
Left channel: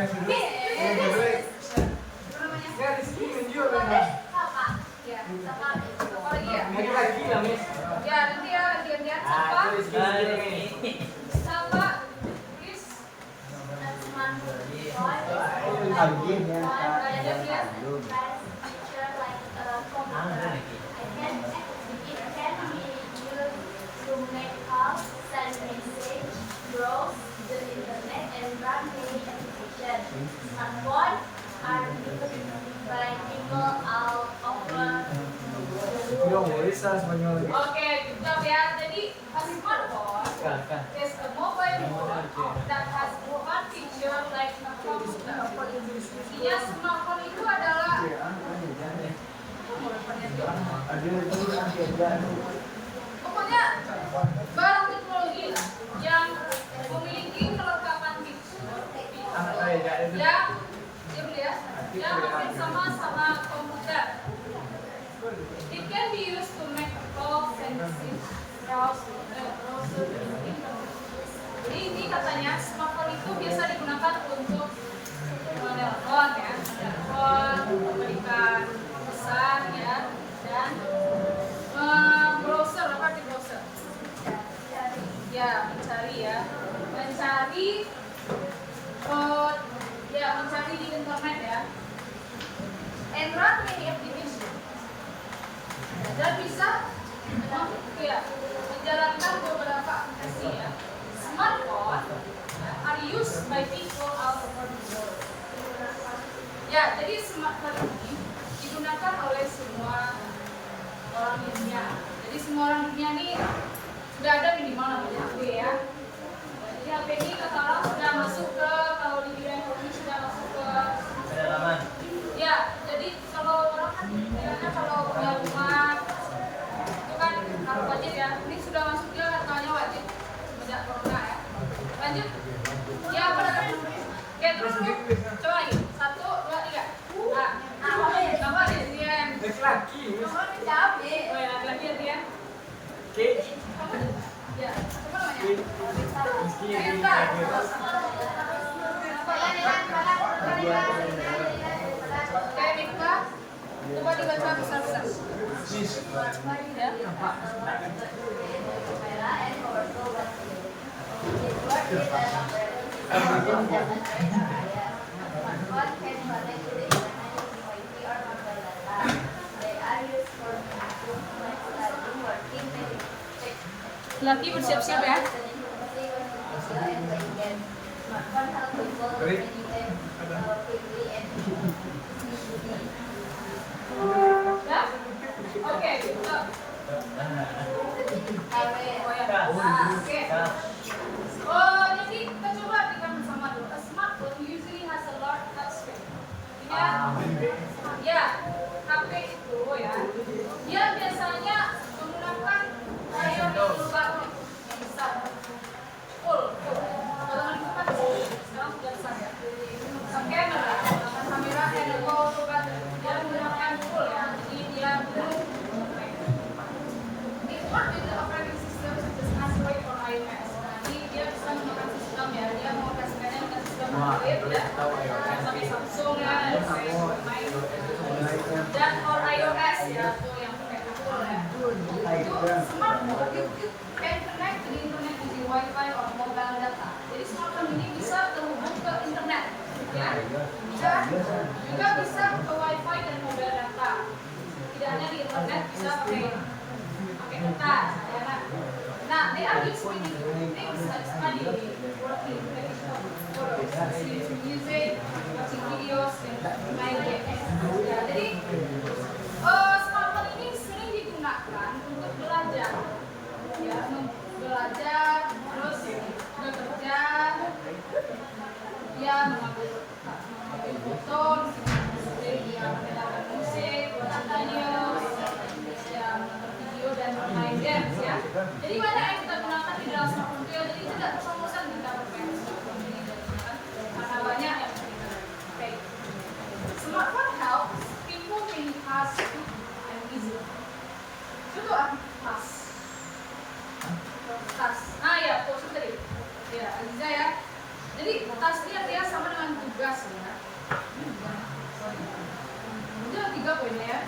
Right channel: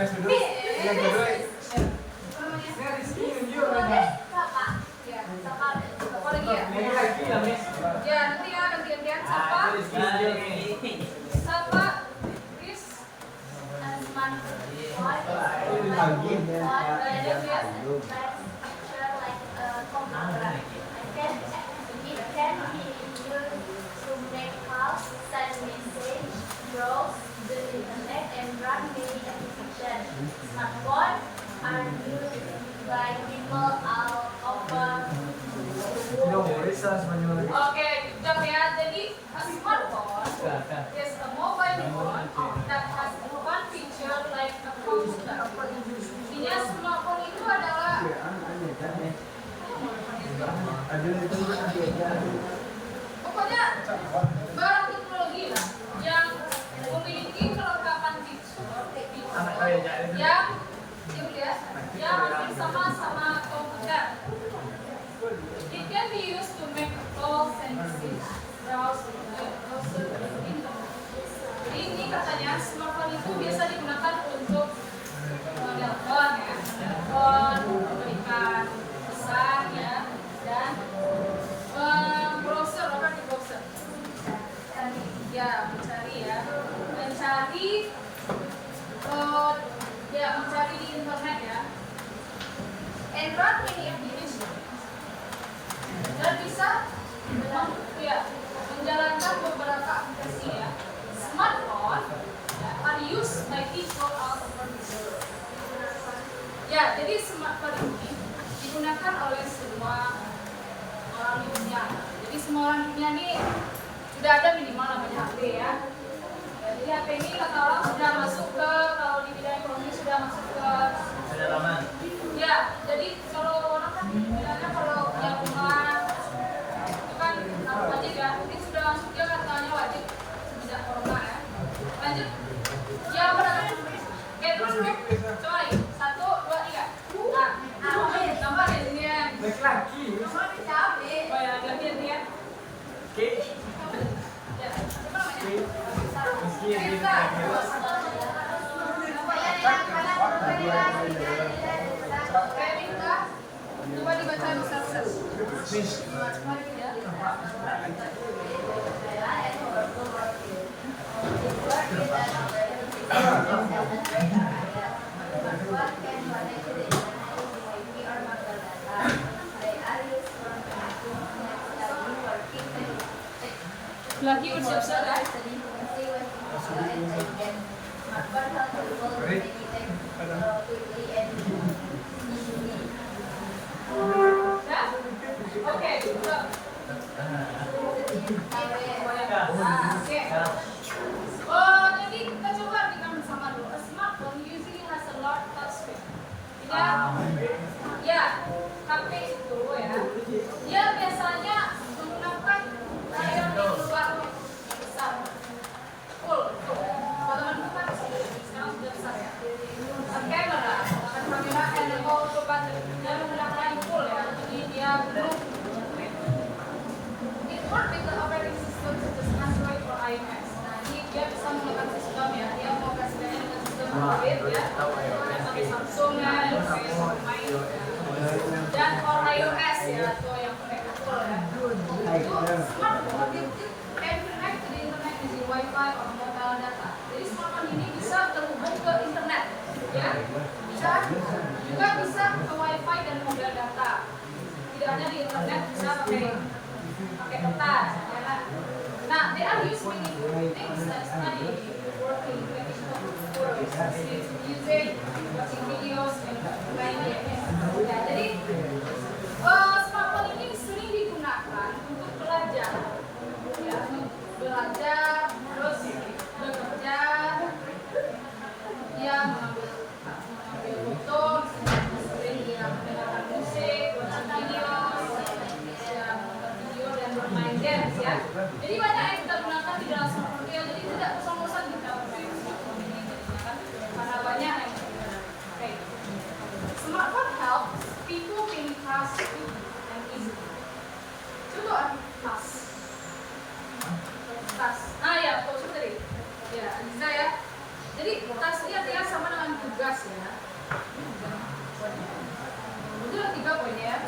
Siapa lagi ya? Ya, nanti ya ganti-gantian siapa? Siapa? Chris? Browse the internet and run many applications. Smartphone are used by people all over the world. Oke, good ya. Jadi a smartphone is a mobile phone that has one feature like a computer. Intinya smartphone itu adalah pokoknya barang teknologi lah yang memiliki kelengkapan fitur yang hampir sama komputer. It can be used to make calls and browse Jadi ini katanya smartphone itu biasa digunakan untuk menelpon ya, memberikan pesan ya, dan browser apa di browser? Ya mencari di internet ya. And run any application. Dan bisa menjalankan beberapa aplikasi ya. Smartphone are used by people all over the world. Ya, jadi smartphone ini digunakan oleh semua orang di dunia. Jadi semua orang di dunia ini sudah ada minimal namanya HP ya. Jadi HP ini kata orang sudah masuk ke, kalau di bidang ekonomi sudah masuk ke pedalaman. Ya, jadi kalau orang kan bilangnya kalau punya rumah itu kan wajib ya. Ini sudah masuk dia katanya wajib tidak corona ya. Lanjut. Ya pada kan. Oke terus lu coba lagi 1, 2, 3. Nah, gambar ya dia yang. Oh ya lagi ya dia. Ya, apa namanya? Coba dibaca besar-besar. Ya. Lagi bersiap-siap ya. Ya? Oke, juga. Oke. Oh, jadi kita coba kita bersama dulu. A smartphone ya. Bisa juga bisa ke wifi dan mobile data. Tidak hanya di internet, bisa pakai kertas. Ya, nah, there are useful things like study, working, taking photos, using music, watching videos, dan main game. Ya, jadi smartphone ini sering digunakan untuk belajar, ya, belajar, terus bekerja, ya, mengambil foto, sering mendengarkan musik, watching videos, ya, menonton video dan bermain games, ya. Jadi banyak yang kita gunakan di dalam smartphone kita, jadi tidak bosan-bosan kita bermain smartphone ini, karena banyak yang kita pakai. Smartphone helps people in tasks and easy. Contoh tas. Tas. Ya, khusus tadi. Ya, Aliza ya. Jadi tas ini artinya sama dengan tugas ya. Itu 3 poin ya.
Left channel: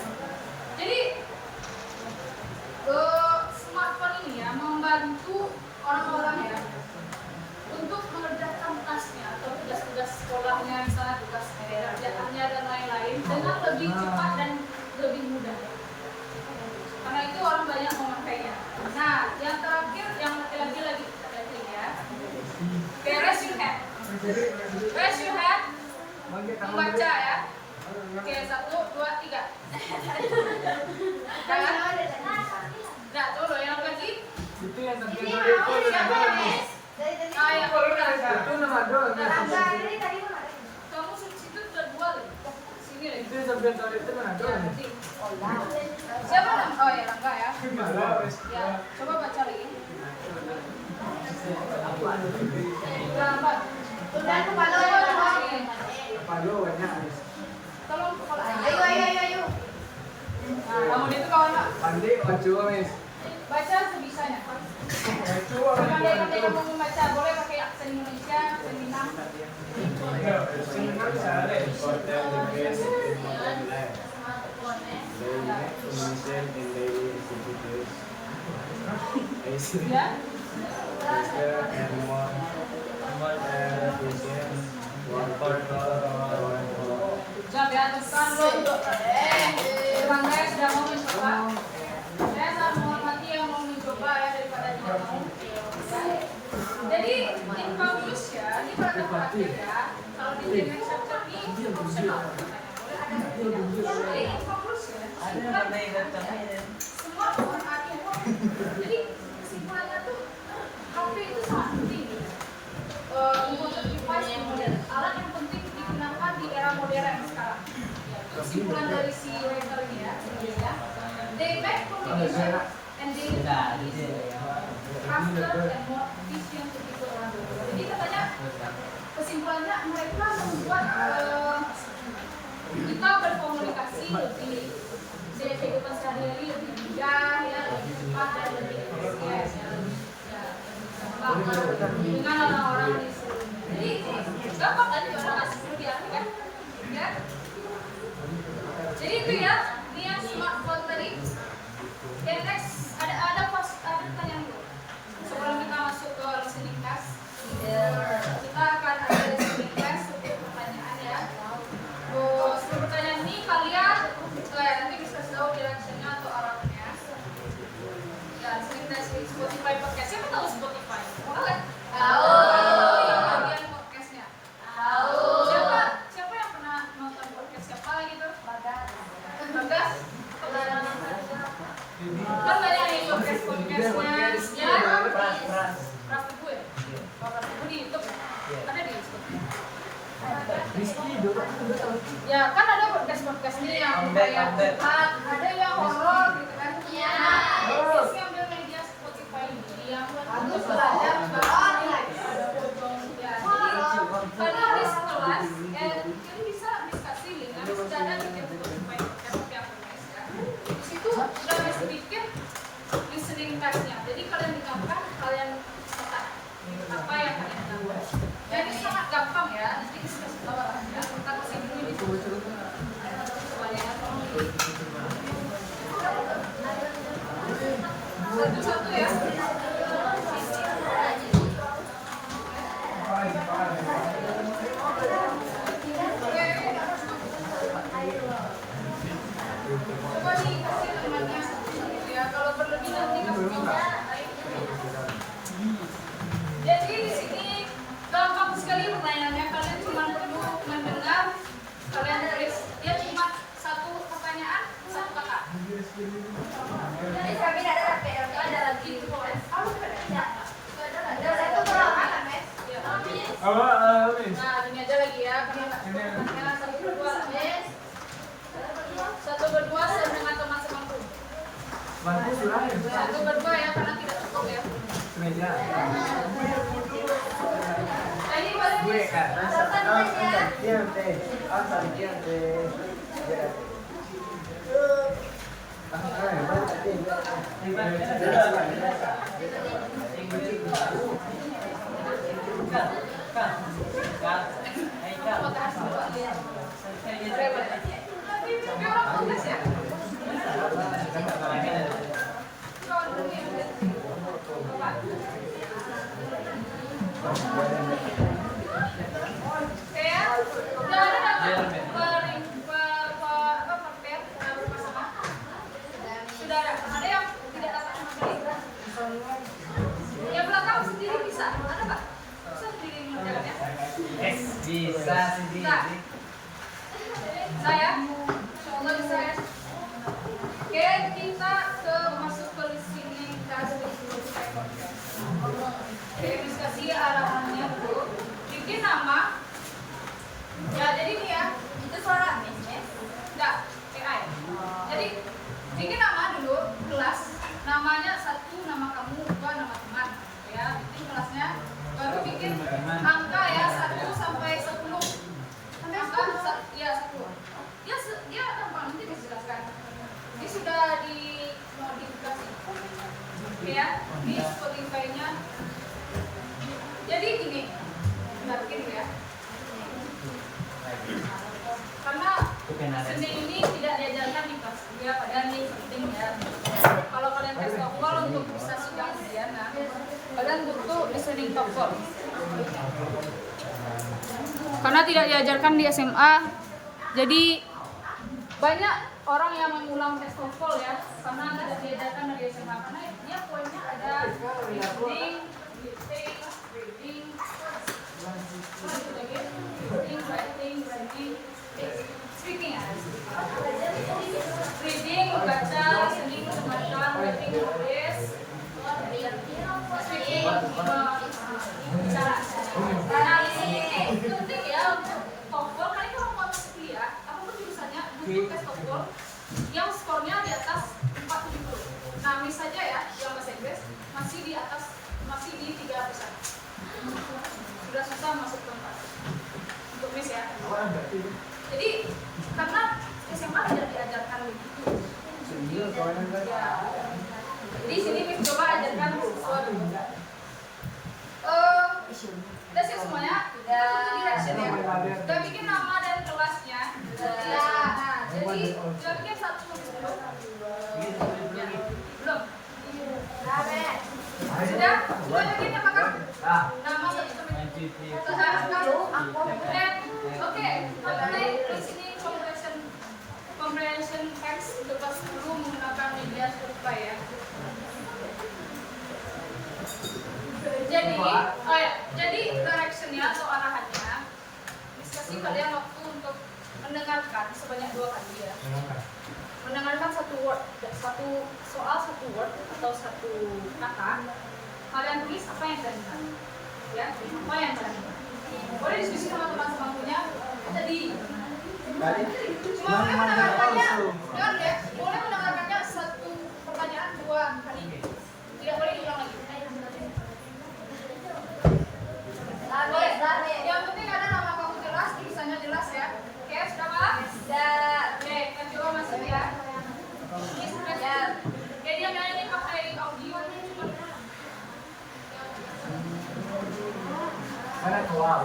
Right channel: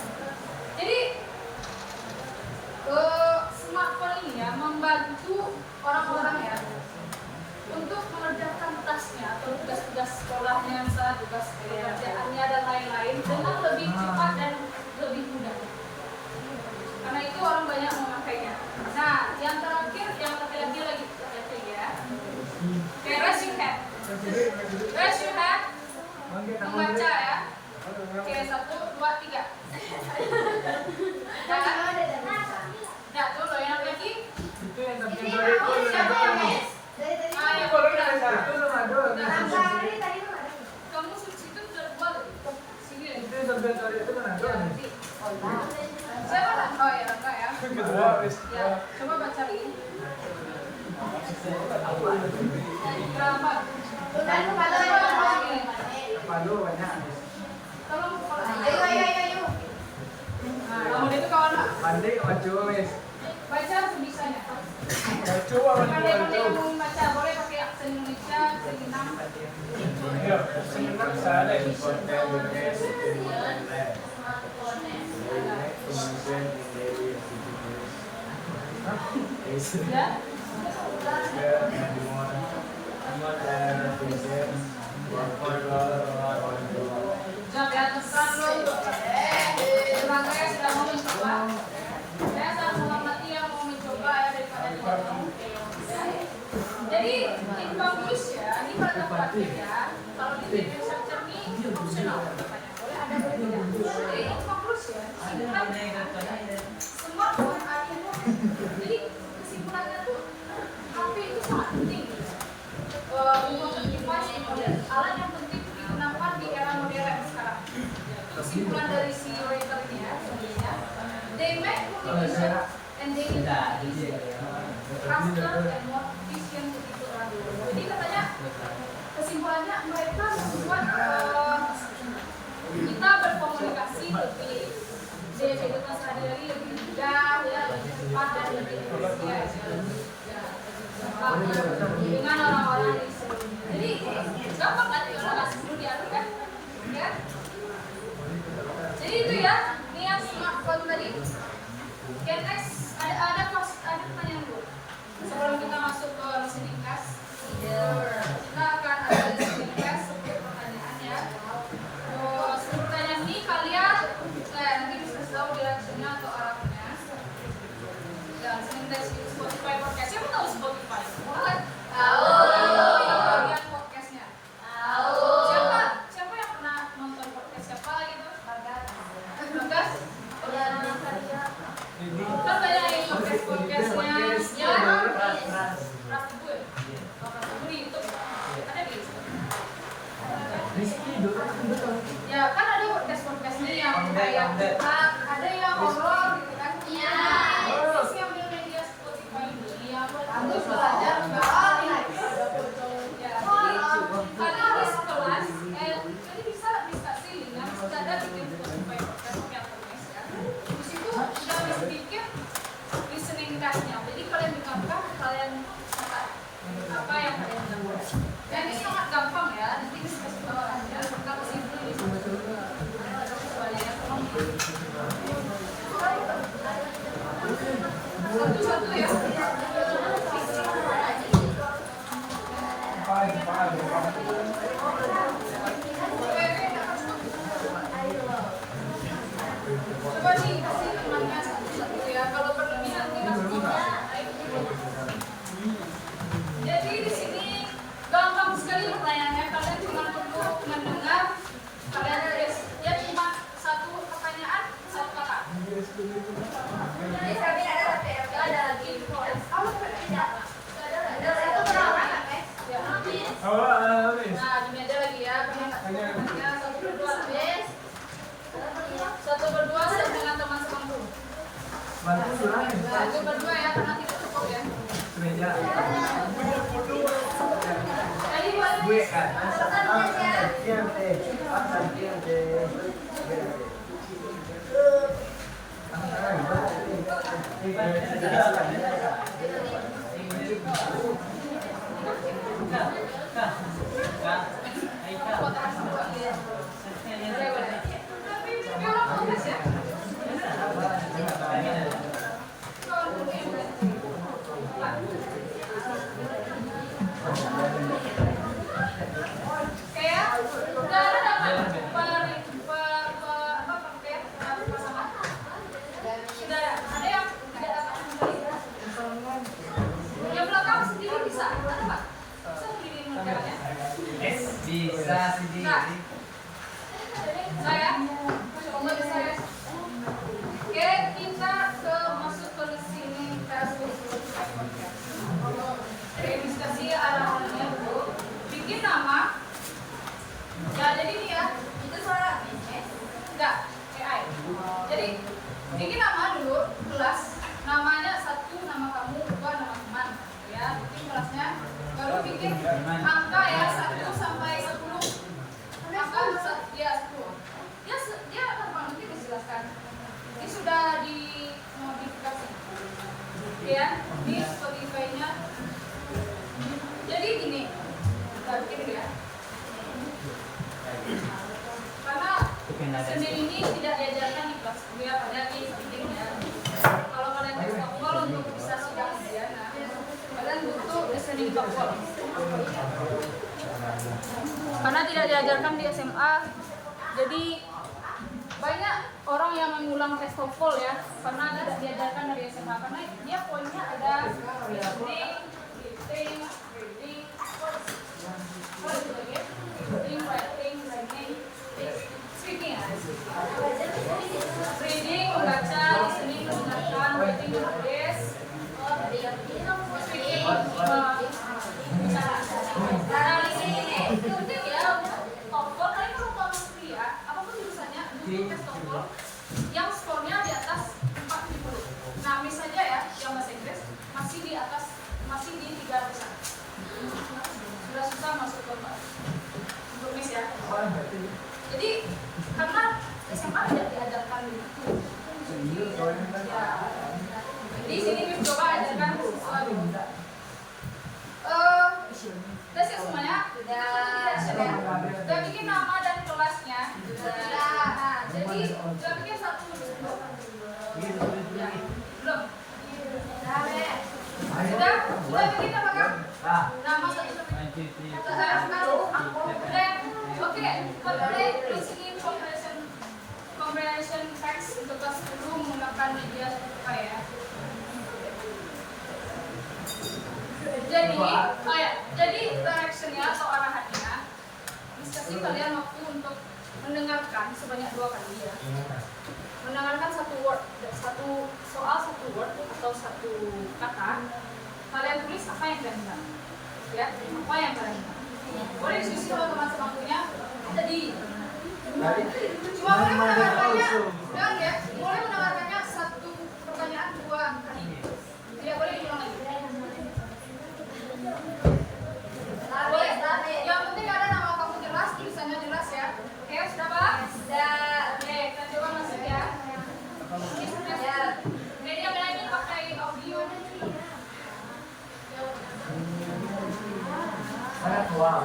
Jadi smartphone ini ya membantu orang-orang ya untuk mengerjakan tasnya atau tugas-tugas sekolahnya, misalnya tugas pekerjaannya dan lain-lain dengan lebih cepat dan lebih mudah. Karena itu orang banyak memakainya. Nah, yang terakhir yang laki-laki lagi ya. Oke, raise your hand. Raise your hand. Membaca ya. Oke, 1, 2, 3. Nah, tuh loh yang lagi. Siapa yang miss? Ya, kalau udah. Kamu situ terbuat sini ya. Itu sampai tadi itu mana? Ya, nanti. Siapa nama? Oh ya, Rangga ya. Ya, coba baca lagi. Ayo. Kamu itu kawan nak? Baca sebisanya. Pandai-pandai kamu membaca, boleh pakai aksen Indonesia, aksen Minang. Ya. Jawab ya, sekarang dulu. Rangga sudah mau mencoba. Saya sangat menghormati yang mau mencoba ya daripada dia mau. Jadi in conclusion, ini pada perhatian ya. Kalau di training structure ini optional. Boleh ada berbeda. Jadi in conclusion, semua orang itu. Jadi kesimpulannya tuh waktu itu sangat penting. Untuk device alat yang penting digunakan di era modern sekarang. Kesimpulan dari si writer ini ya, they make communication and they faster and more efficient to people around the world. Jadi katanya kesimpulannya mereka membuat kita berkomunikasi lebih di kehidupan sehari-hari lebih mudah ya, lebih cepat dan lebih efisien dengan orang-orang di seluruh. Jadi gampang kan orang nggak seluruh diartikan, ya? Jadi itu ya, ini yang smartphone tadi. Oke, next ada pertanyaan dulu. Sebelum kita masuk ke listening class, kita akan ada listening class setiap pertanyaan ya. Sebelum pertanyaan ini kalian nanti bisa tahu directionnya atau arahnya. Ya, listening class di Spotify podcast. Siapa tahu Spotify? Tahu. Oh, yang bagian podcastnya. Tahu. Siapa yang pernah nonton podcast siapa gitu? Bagas. Kan banyak yang podcastnya. Ya. Berapa gue? Di YouTube. Ada di YouTube. Ya kan ada podcast nih yang kayak ada yang horor gitu kan? Iya. Terus yang udah media Spotify ini yang harus belajar bahasa ya. Jadi kalian di kelas jadi bisa diskusi dengan sudah ada di Spotify podcast yang Indonesia. Di situ sudah bisa bikin listening class-nya. Jadi kalian dengarkan, kalian catat apa yang kalian dengar. Dan ini sangat gampang ya. Nanti bisa kasih tahu aja. Kita kasih dulu di sini. Coba ya, tolong. yang nggak cukup temannya 1/2 habis 1/2 dengan teman sebangku 1/2 ya karena tidak cukup ya. Jadi boleh boleh. Tapi orang tugas ya. Bisa sih. Saya coba bisa ya. Oke, kita masuk ke sini Oke, diskusi arahannya dulu. Bikin nama. Ya, jadi ini ya. Itu suara enggak, AI. Jadi bikin nama dulu kelas. Namanya 1 nama kamu, 2 nama teman. Ya, ini kelasnya. Baru bikin angka ya 1 sampai 10. Angka ya 10. Dia gampang nanti dijelaskan. Ini sudah dimodifikasi. Oke ya, ini Spotify-nya. Jadi gini, nggak begini ya. Karena seni ini tidak diajarkan di kelas 2 padahal ini penting ya. Kalau kalian tes TOEFL untuk bisa sidang pidana, kalian butuh listening TOEFL. Karena tidak diajarkan di SMA, jadi banyak orang yang mengulang tes TOEFL ya, karena tidak diajarkan dari SMA. Karena dia poinnya ada listening, reading, writing, speaking ya. Reading, membaca, listening, mendengarkan, writing, menulis, speaking, bicara. Nah, listening ini penting ya untuk TOEFL. Kalian kalau mau masuk kuliah, apapun jurusannya butuh tes TOEFL yang skornya di atas 470. Nah, misalnya ya, yang bahasa Inggris masih di 300-an. Sudah susah masuk ke 4. Untuk Miss ya. Jadi karena SMA tidak diajarkan begitu. Ya. Jadi sini Miss coba ajarkan sesuatu. Tes ya semuanya. Ya. Udah bikin nama dan kelasnya. Nah, jadi udah bikin 1 belum? Sudah bikin apakah? Nama 1. Oke. Apply listening comprehension text untuk kelas 10 menggunakan media Spotify ya. Jadi directionnya atau arahannya, kasih kalian waktu untuk mendengarkan sebanyak 2 kali ya. Mendengarkan 1 word, 1 soal 1 word atau 1 kata. Kalian tulis apa yang kalian dengar. Ya, apa yang kalian dengar. Boleh diskusi sama teman-teman punya tadi. Cuma boleh mendengarkannya, jangan ya. Boleh mendengarkannya 1 pertanyaan 2 kali. Tidak boleh diulang lagi. Boleh. Yang penting ada nama kamu jelas, tulisannya jelas ya. Oke, sudah Pak? Sudah. Oke, kita coba masuk ya. Ini sudah ya. Jadi yang ini pakai audio. Wow.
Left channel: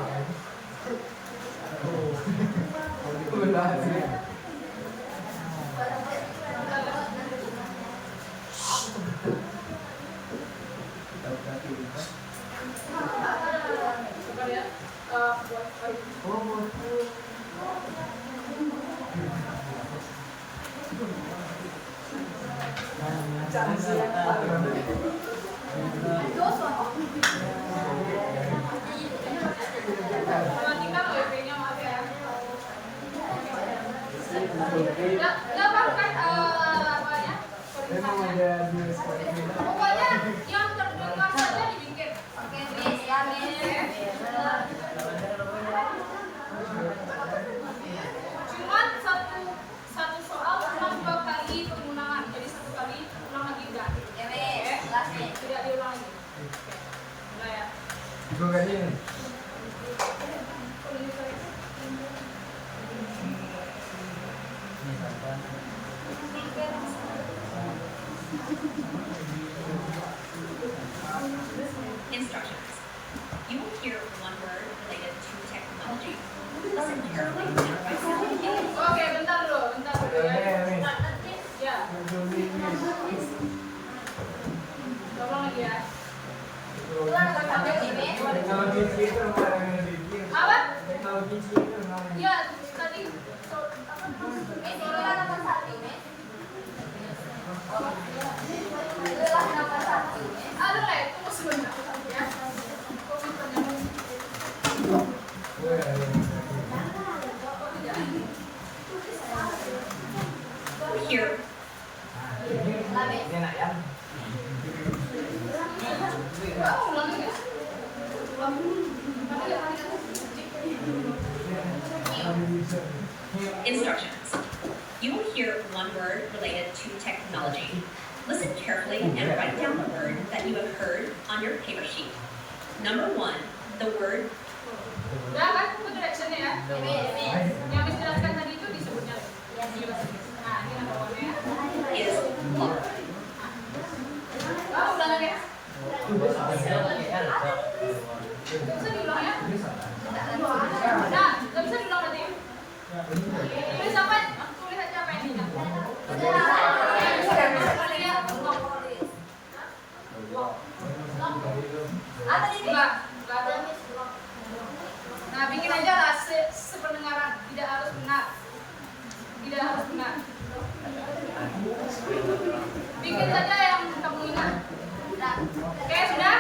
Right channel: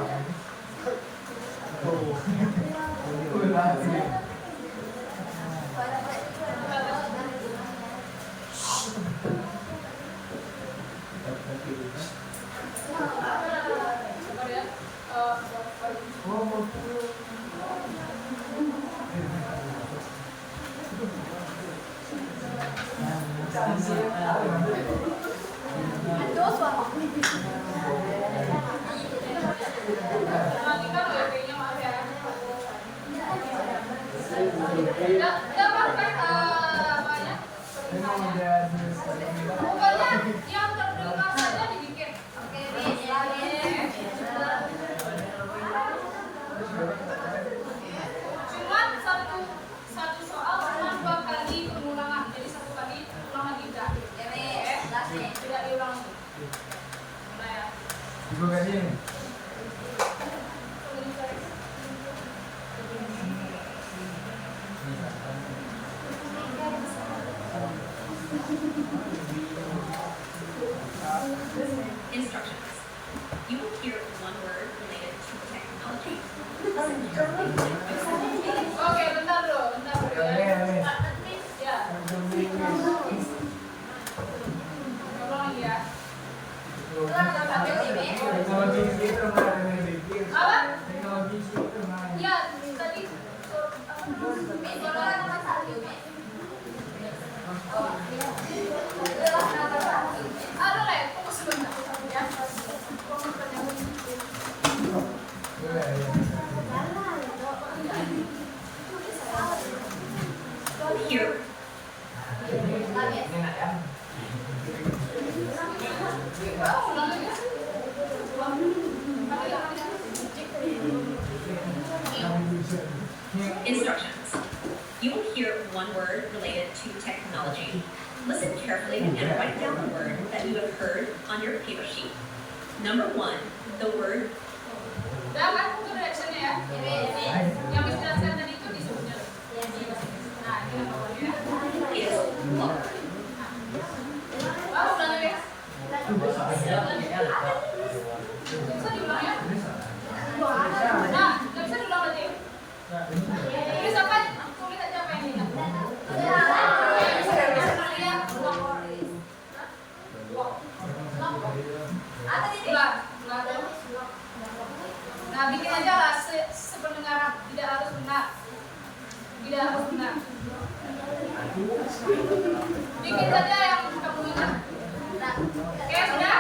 Pokoknya yang terdengar saja dibikin. Oke, ya. Oke, bentar dulu ya. Ya, tolong ya. Apa? Ya, tadi aduh lah, tunggu sebentar ya. Here. Oh, ulang ya. Instructions. You will hear one word related to technology. Listen carefully and write down the word that you have heard on your paper sheet. Number 1, the word Udah kan, itu directionnya ya. Yang dijelaskan tadi itu disebutnya. Nah, ini nomornya. is look. Oh, ulang lagi ya. Gak bisa diulang ya. Nah, gak bisa diulang lagi. Ini siapa? Tulis aja apa ini. Nah, bikin aja lah sependengaran, tidak harus benar. Tidak harus benar. Bikin saja yang kamu ingat. Oke, sudah?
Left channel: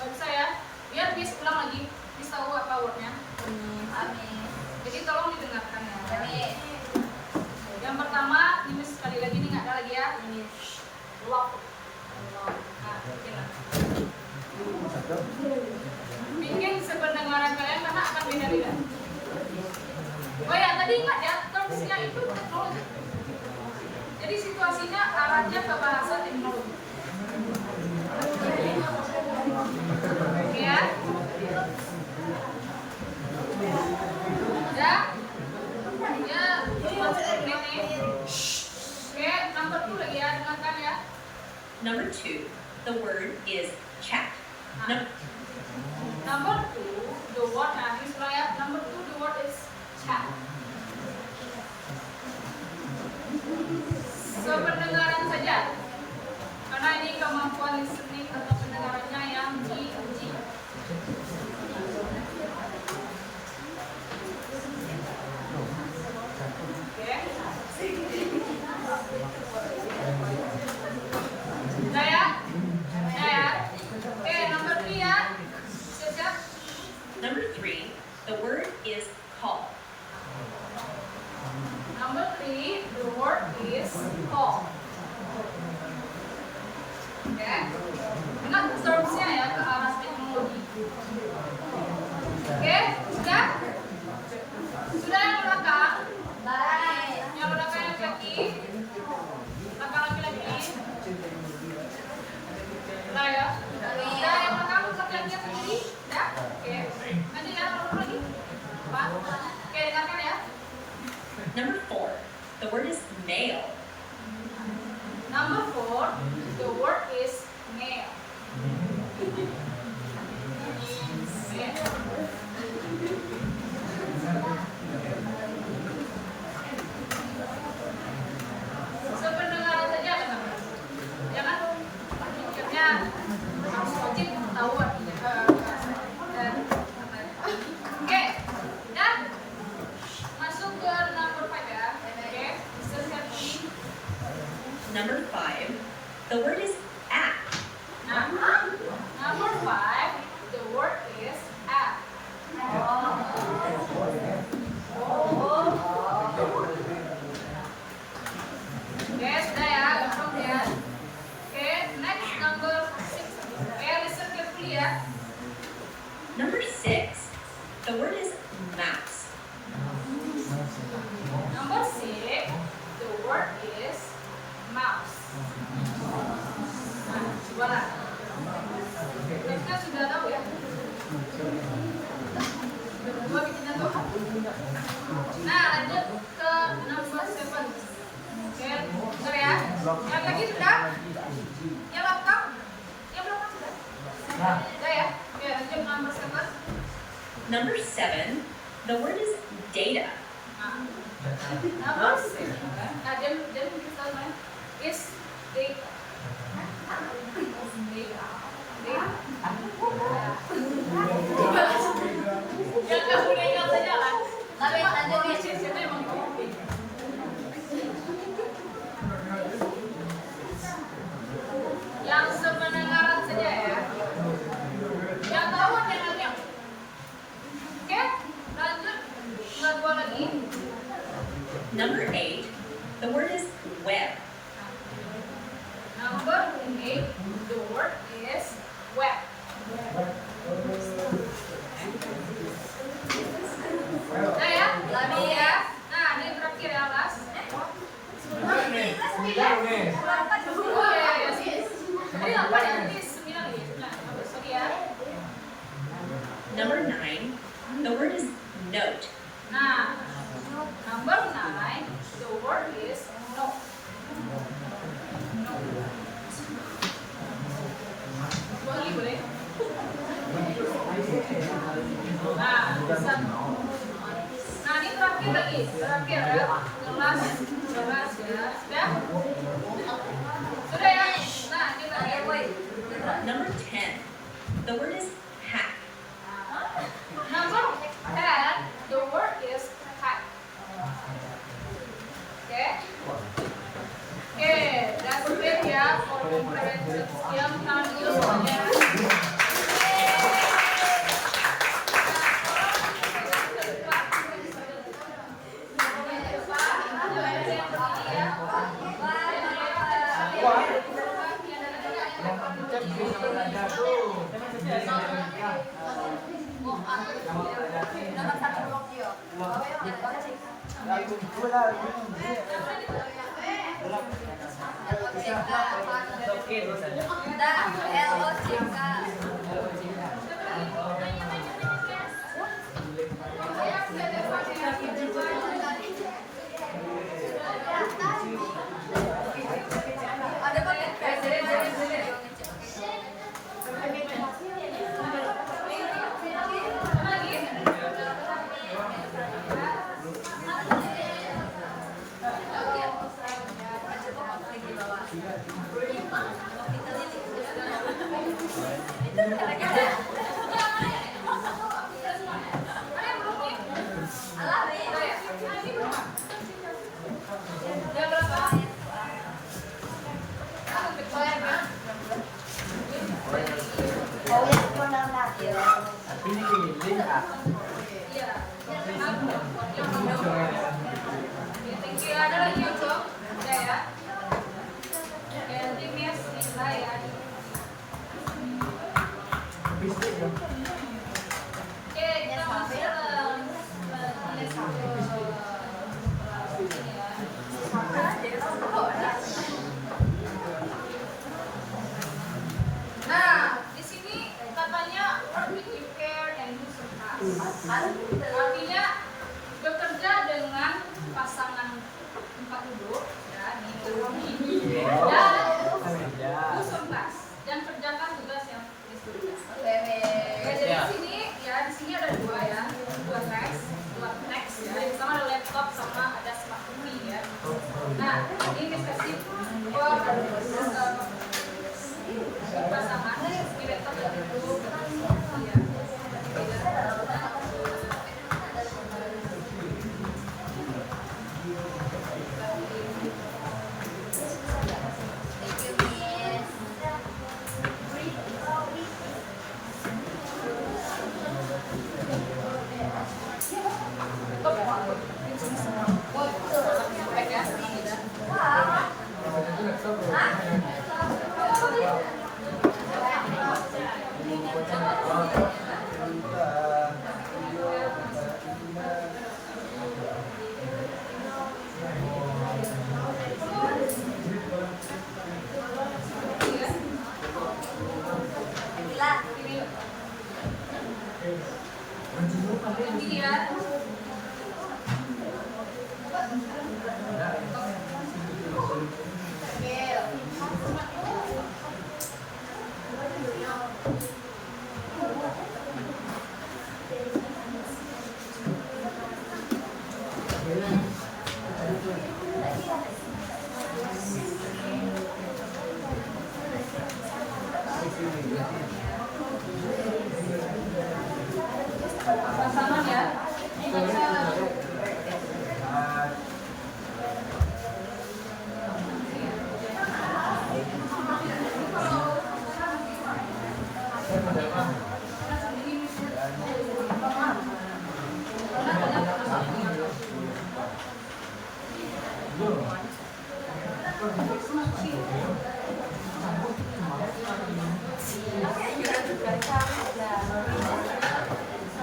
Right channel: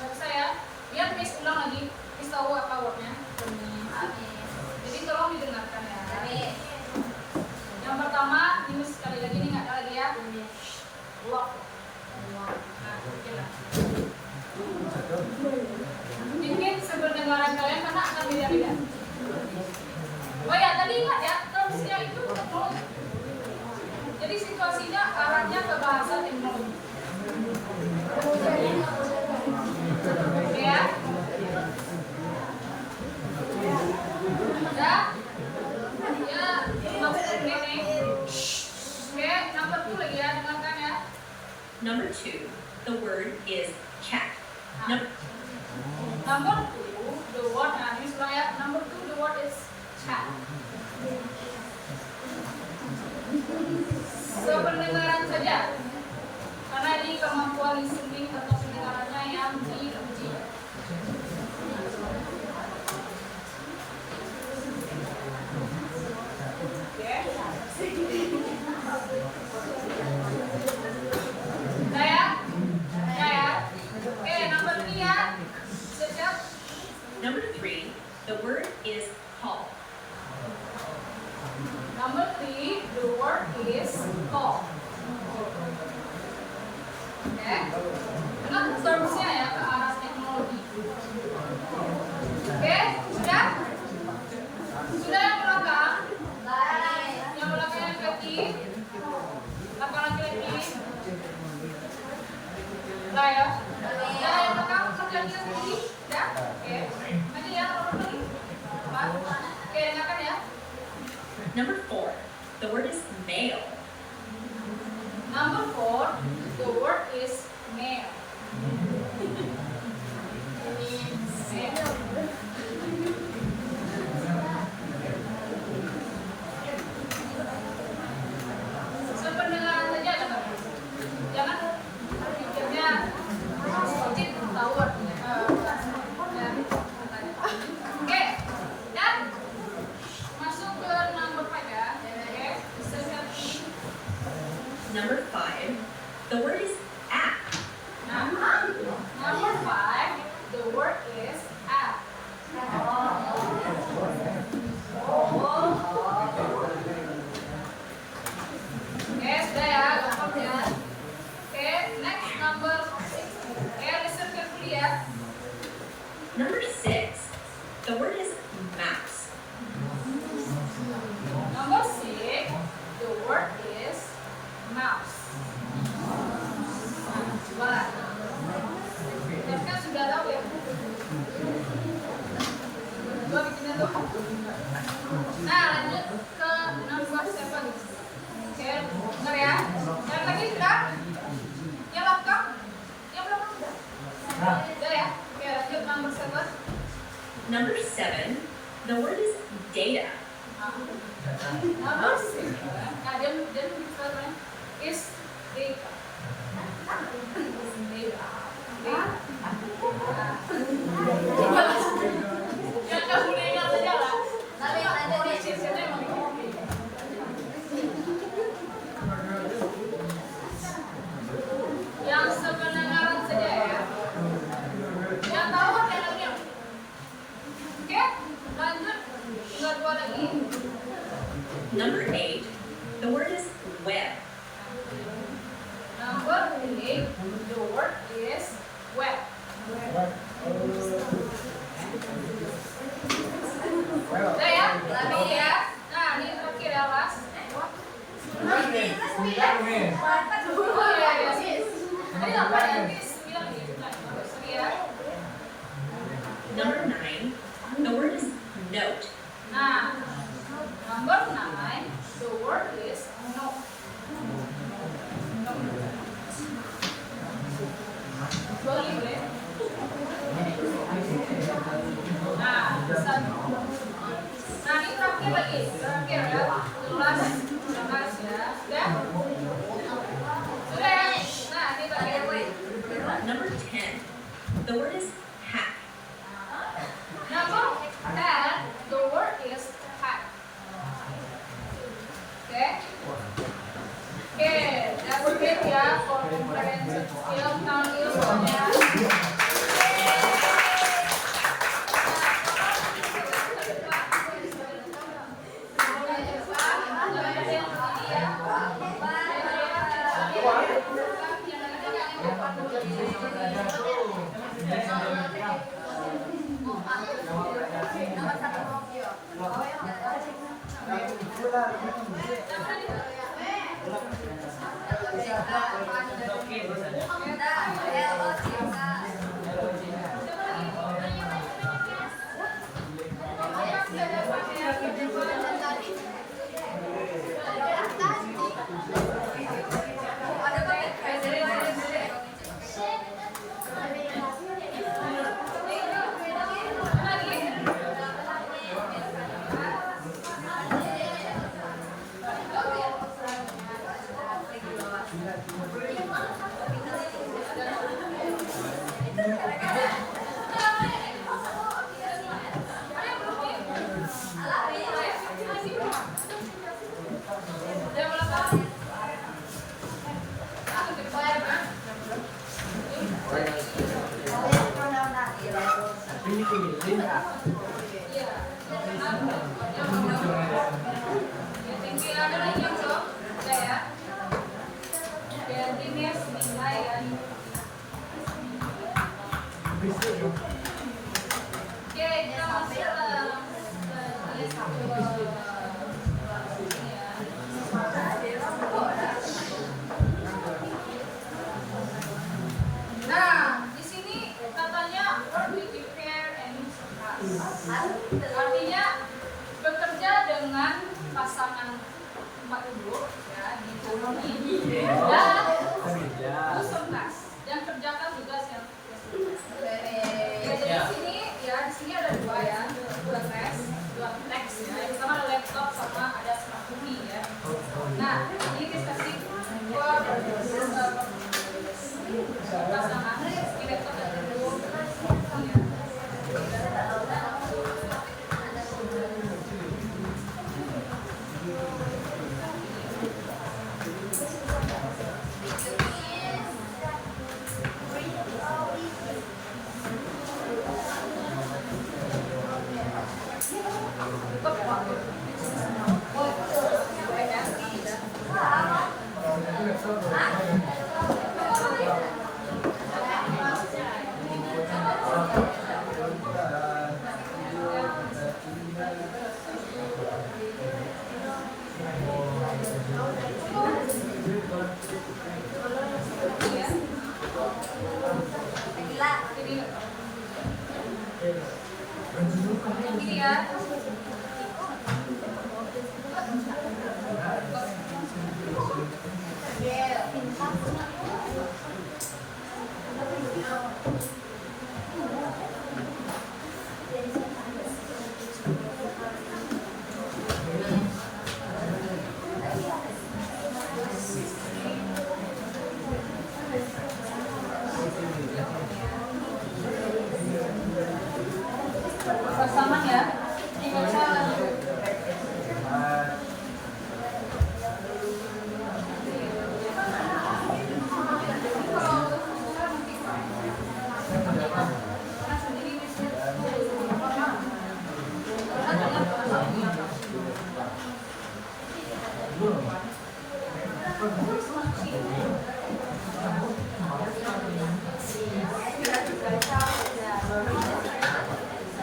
Bagus ya. Lihat Miss ulang lagi. Miss tahu apa wordnya. Jadi tolong didengarkan ya. Yang pertama, ini Miss sekali lagi nih nggak ada lagi ya. Lock. Nah, bikin lah. Bikin sependengaran kalian karena akan beda-beda. Oh ya, tadi ingat ya, termsnya itu teknologi. Jadi situasinya arahnya ke bahasa teknologi. Oke ya? Udah? Ya, maksud ini. Oke, number 2 lagi ya, dengarkan ya. Number 2, the word is chat. Number 2, the word, nah ini sudah ya. Number 2, the word is chat. Sependengaran saja. Karena ini kemampuan listening atau pendengarannya yang diuji. Oke. Nah ya. Nah ya. Oke, number 3 ya. Siap-siap. Number 3, the word is call. Number 3, the word is call. Oke. Ingat termsnya ya, ke arah teknologi. Oke, sudah? Sudah yang belakang? Yang belakang yang laki? Belakang laki-laki? Sudah ya? Sudah yang belakang laki-laki yang tinggi? Sudah? Oke. Lanjut ya, nomor lagi. Apa? Oke, dengarkan ya. Number 4, the word is mail. Number 4, the word is mail. Sependengaran saja teman-teman. Jangan pikirnya harus wajib tahu artinya. Oke, dan masuk ke number 5 ya. Oke, silakan. Number 5, the word is app. Nah, number 5, the word is app. Oke, sudah ya, gampang ya. Oke, next number 6. Oke, listen carefully ya. Number 6, the word is mouse. Number 6, the word is mouse. Nah, gimana? Kita sudah tahu ya. Dua bikinan tuh. Nah, lanjut ke number 7. Oke, bentar ya. Yang lagi sudah? Yang belakang? Yang Number 7, the word is data. Number 7, then misalnya is data. Yang kamu ingat saja lah. Tapi pronunciation-nya emang yang sependengaran saja ya. Yang tahu yang oke, lanjut. Nggak dua lagi. Number 8, the word is web. Number 8, the word is web. Nah ya, lagi ya. Nah, ini terakhir ya, Mas. Oh iya, iya. Tadi 8 nanti 9 lagi. Nah, sorry ya. Number 9, the word is note. Nah, number 9, the word is no. No. Dua lagi boleh? Nah, satu. Nah, ini terakhir lagi. Terakhir ya. Kelas ya. Sudah? Sudah ya? Nah, ini terakhir. Number 10, the word is hack. Number 10, the word is hack. Oke? Oke, that's it ya for comprehensive skill. Tangan dulu semuanya. Nah, di sini katanya work with repair and use of us. Artinya bekerja dengan pasangan tempat duduk, ya, ini dan susun tas dan kerjakan tugas yang ya, jadi di sini ya di sini ada dua ya, dua teks ya, yang sama ada laptop sama ada smartphone ya. Nah, ini discussing buat pasangan di laptop dan dulu. Ini ya.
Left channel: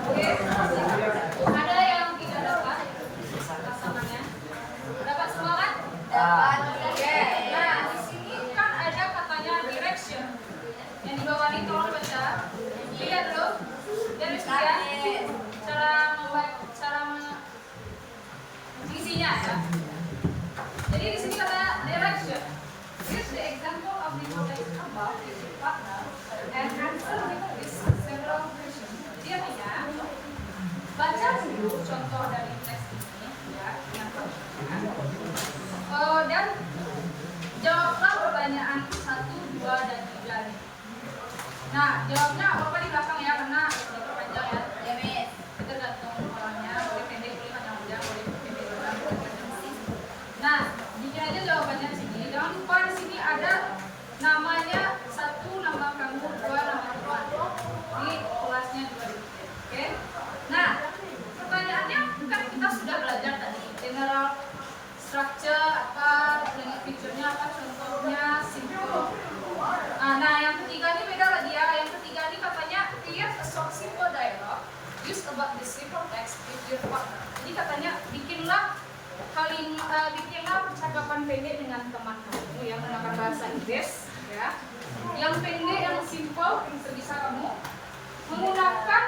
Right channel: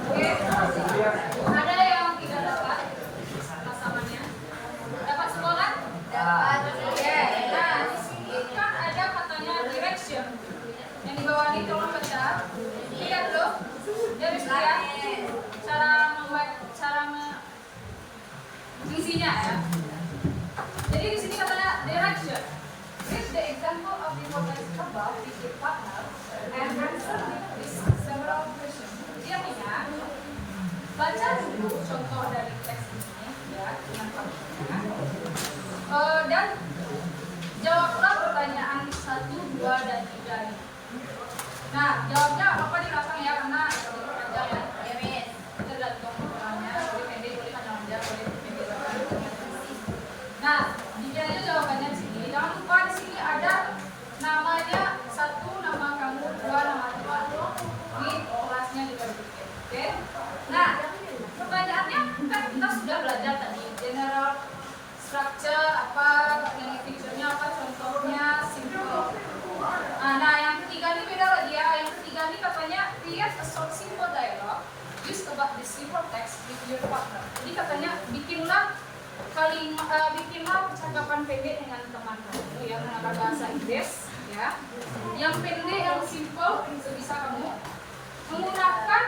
Oke, ada yang tidak dapat pasangannya? Dapat semua kan? Oke, nah di sini kan ada katanya direction. Yang di bawah ini tolong baca. Lihat dulu. Dia bisa ya. Cara mengisinya ya. Jadi di sini kata direction. Read the example of the context above with the partner and answer with this several questions. Jadi artinya baca dulu contoh dari teks ini ya dengan contohnya. Dan jawablah pertanyaan 1, 2, dan 3 ini. Nah, jawabnya apa di belakang ya karena panjang ya. Tergantung orangnya, boleh pendek, boleh panjang, boleh pendek, boleh. Nah, bikin aja jawabannya di sini. Jangan lupa di sini ada namanya 1 nama kamu, 2 nama teman. Ini kelasnya juga dibikin. Oke. Nah, pertanyaannya kan kita sudah belajar tadi general structure apa, yang feature-nya apa, contohnya simple. Nah, yang ketiga ini beda lagi ya. Yang ketiga ini katanya create a short simple dialogue use about this simple text with your partner. Jadi katanya bikinlah percakapan pendek dengan teman kamu yang menggunakan bahasa Inggris ya. Yang pendek, yang simple sebisa kamu menggunakan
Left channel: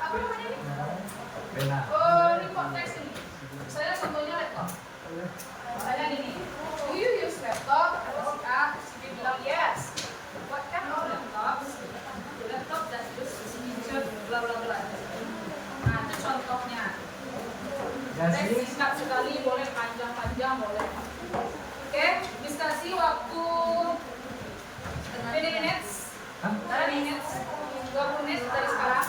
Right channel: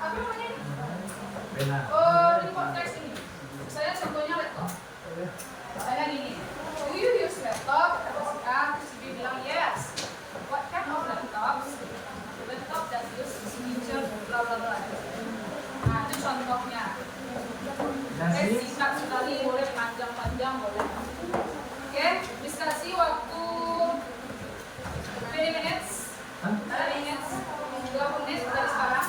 apa namanya ini? Report text ini. Saya contohnya laptop. Saya gini. Do you use laptop? Kata si A, si B bilang yes. What kind of laptop? The laptop that use signature bla bla bla. Nah, itu contohnya. Singkat sekali boleh, panjang-panjang boleh. Oke, diskusi waktu 20 minutes. Ada minutes 20 menit dari sekarang.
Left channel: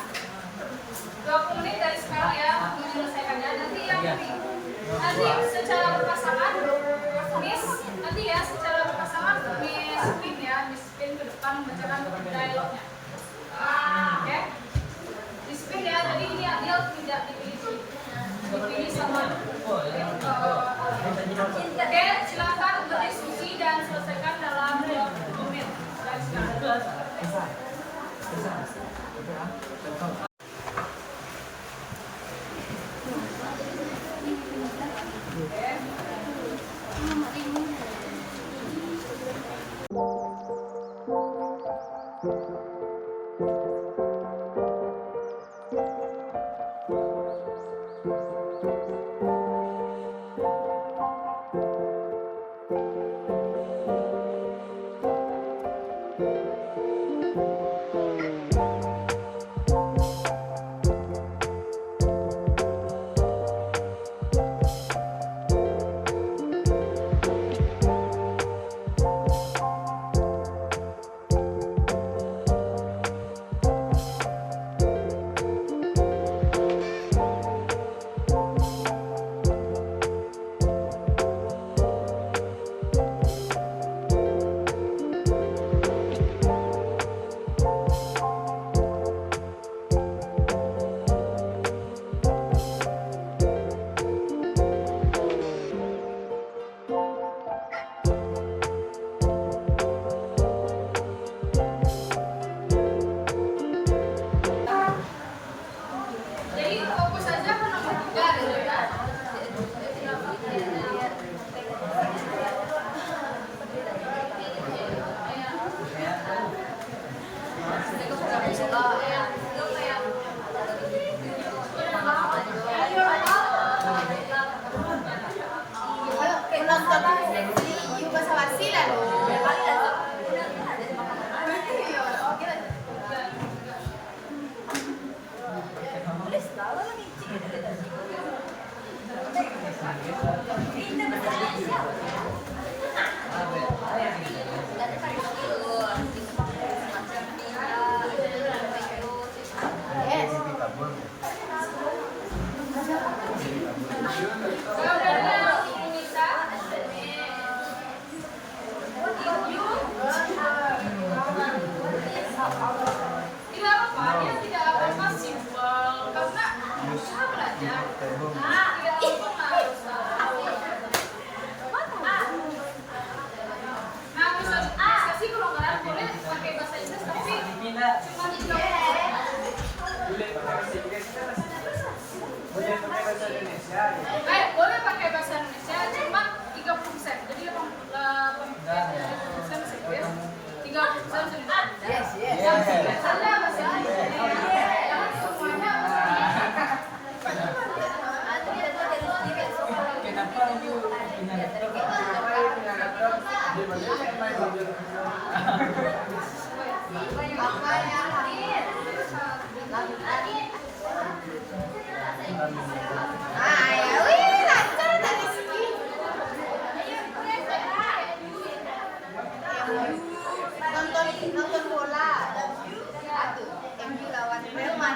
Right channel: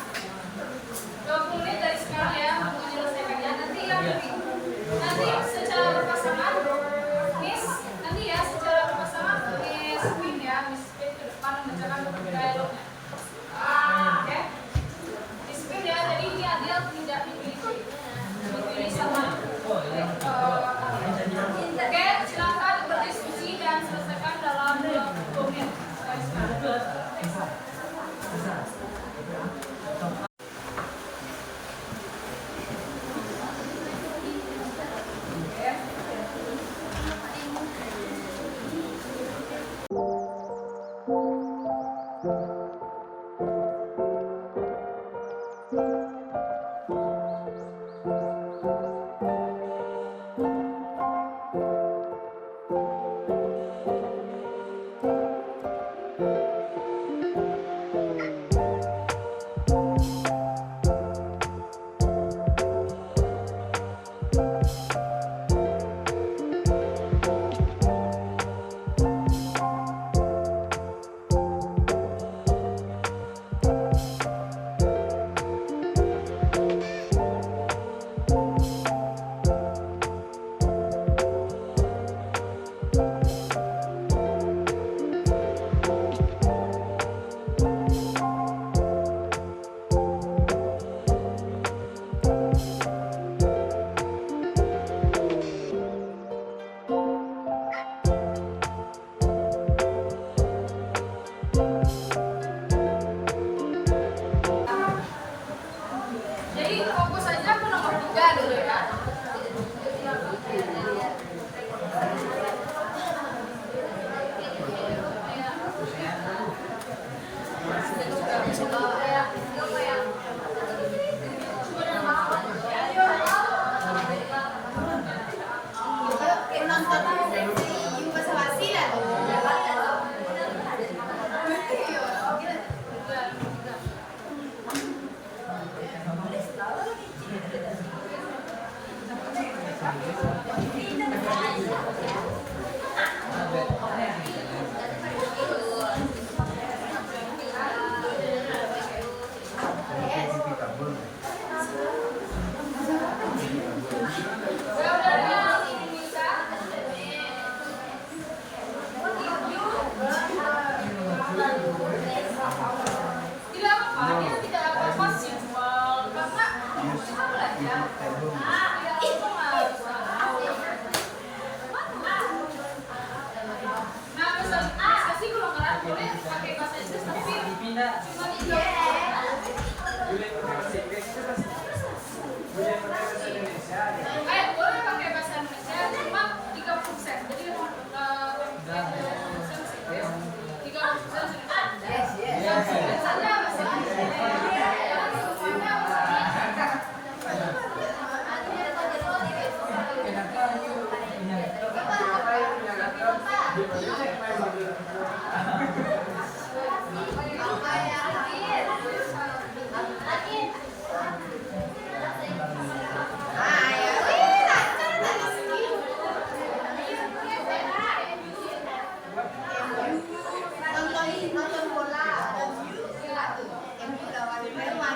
20 menit dari sekarang ya untuk menyelesaikannya. Nanti ya nanti secara berpasangan, nanti ya secara berpasangan Miss Pin ke depan membacakan dialognya. Oke, Miss Pin ya. Jadi ini adil tidak dipilih sama. Oke, silakan berdiskusi dan selesaikan dalam 20 menit. Tidak langsung harus tahu. Nah, pesan kasih golongan boleh pakai bahasa Inggris tapi Dipindah. cuma tidak. Boleh pakai bahasa Indonesia cuma 30%. Jadi 80% masih itu ya. 30% sudah. Yes. Nonton bola. MU lawan Jerman.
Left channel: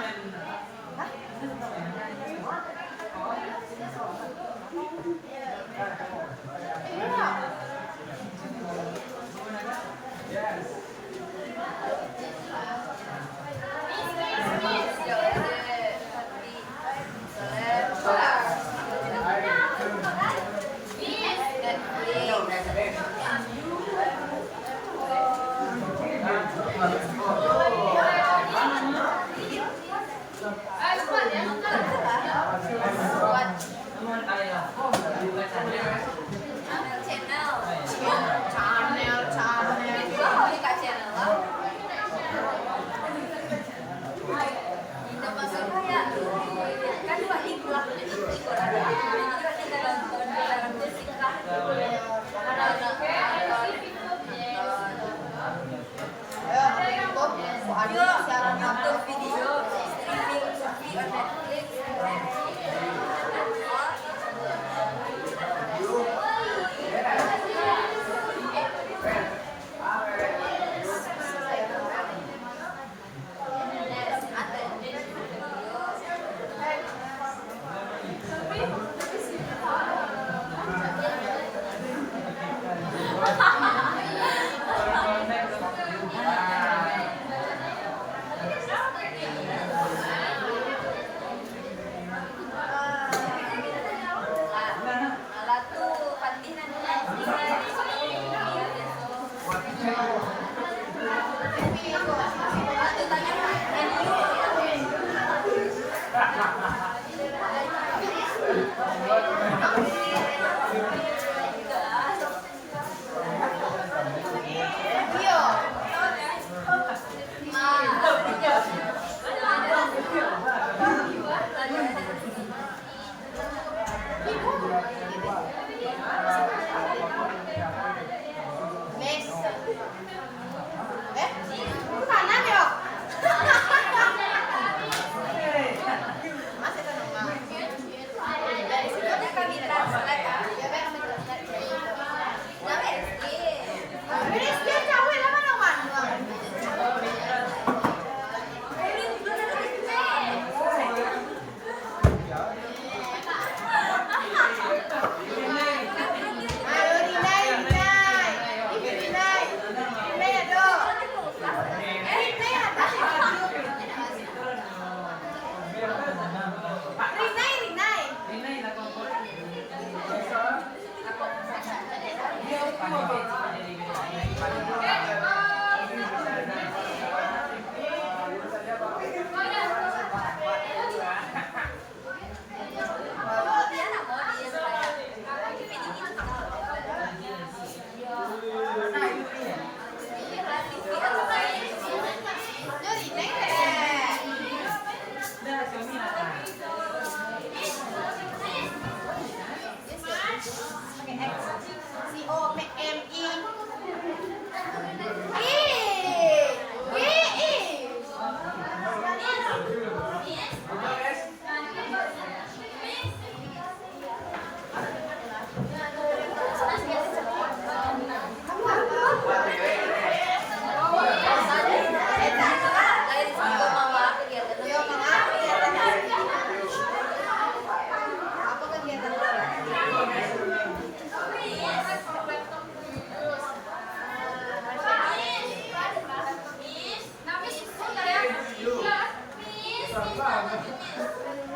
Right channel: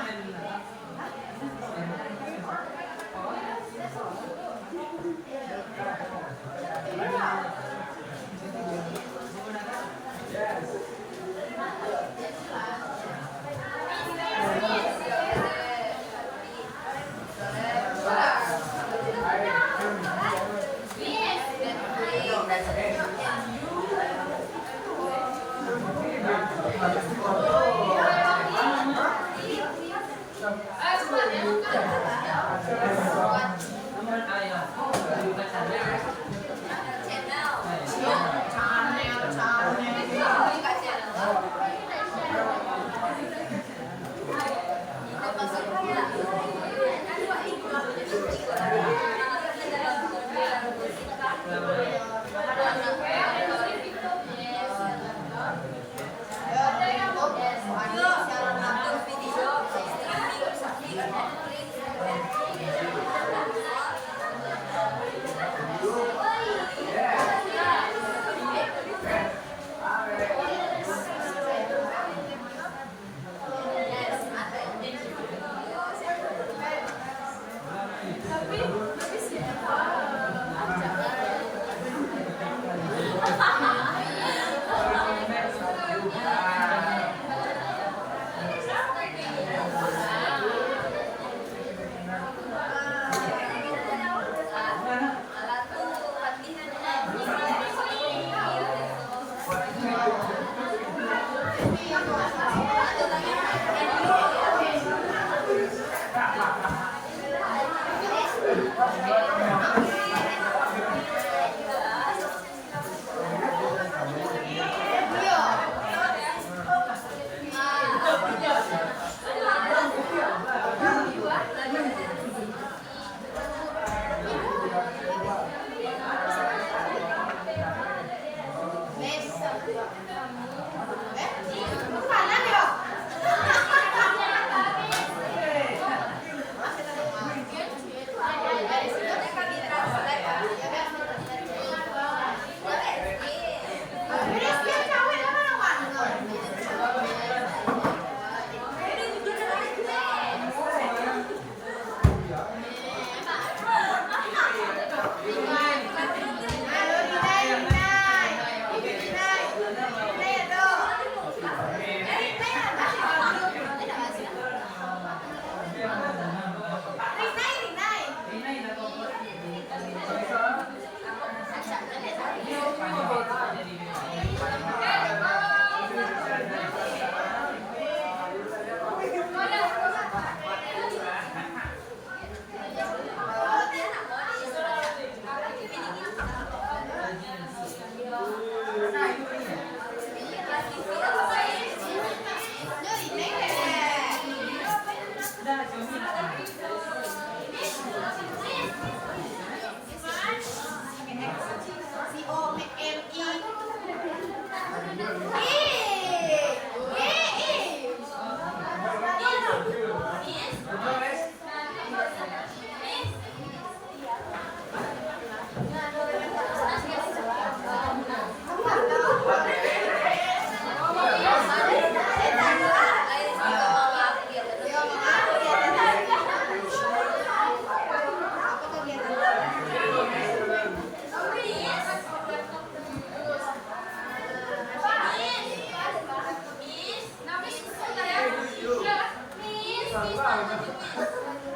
Namun ayolah. Bukan channel.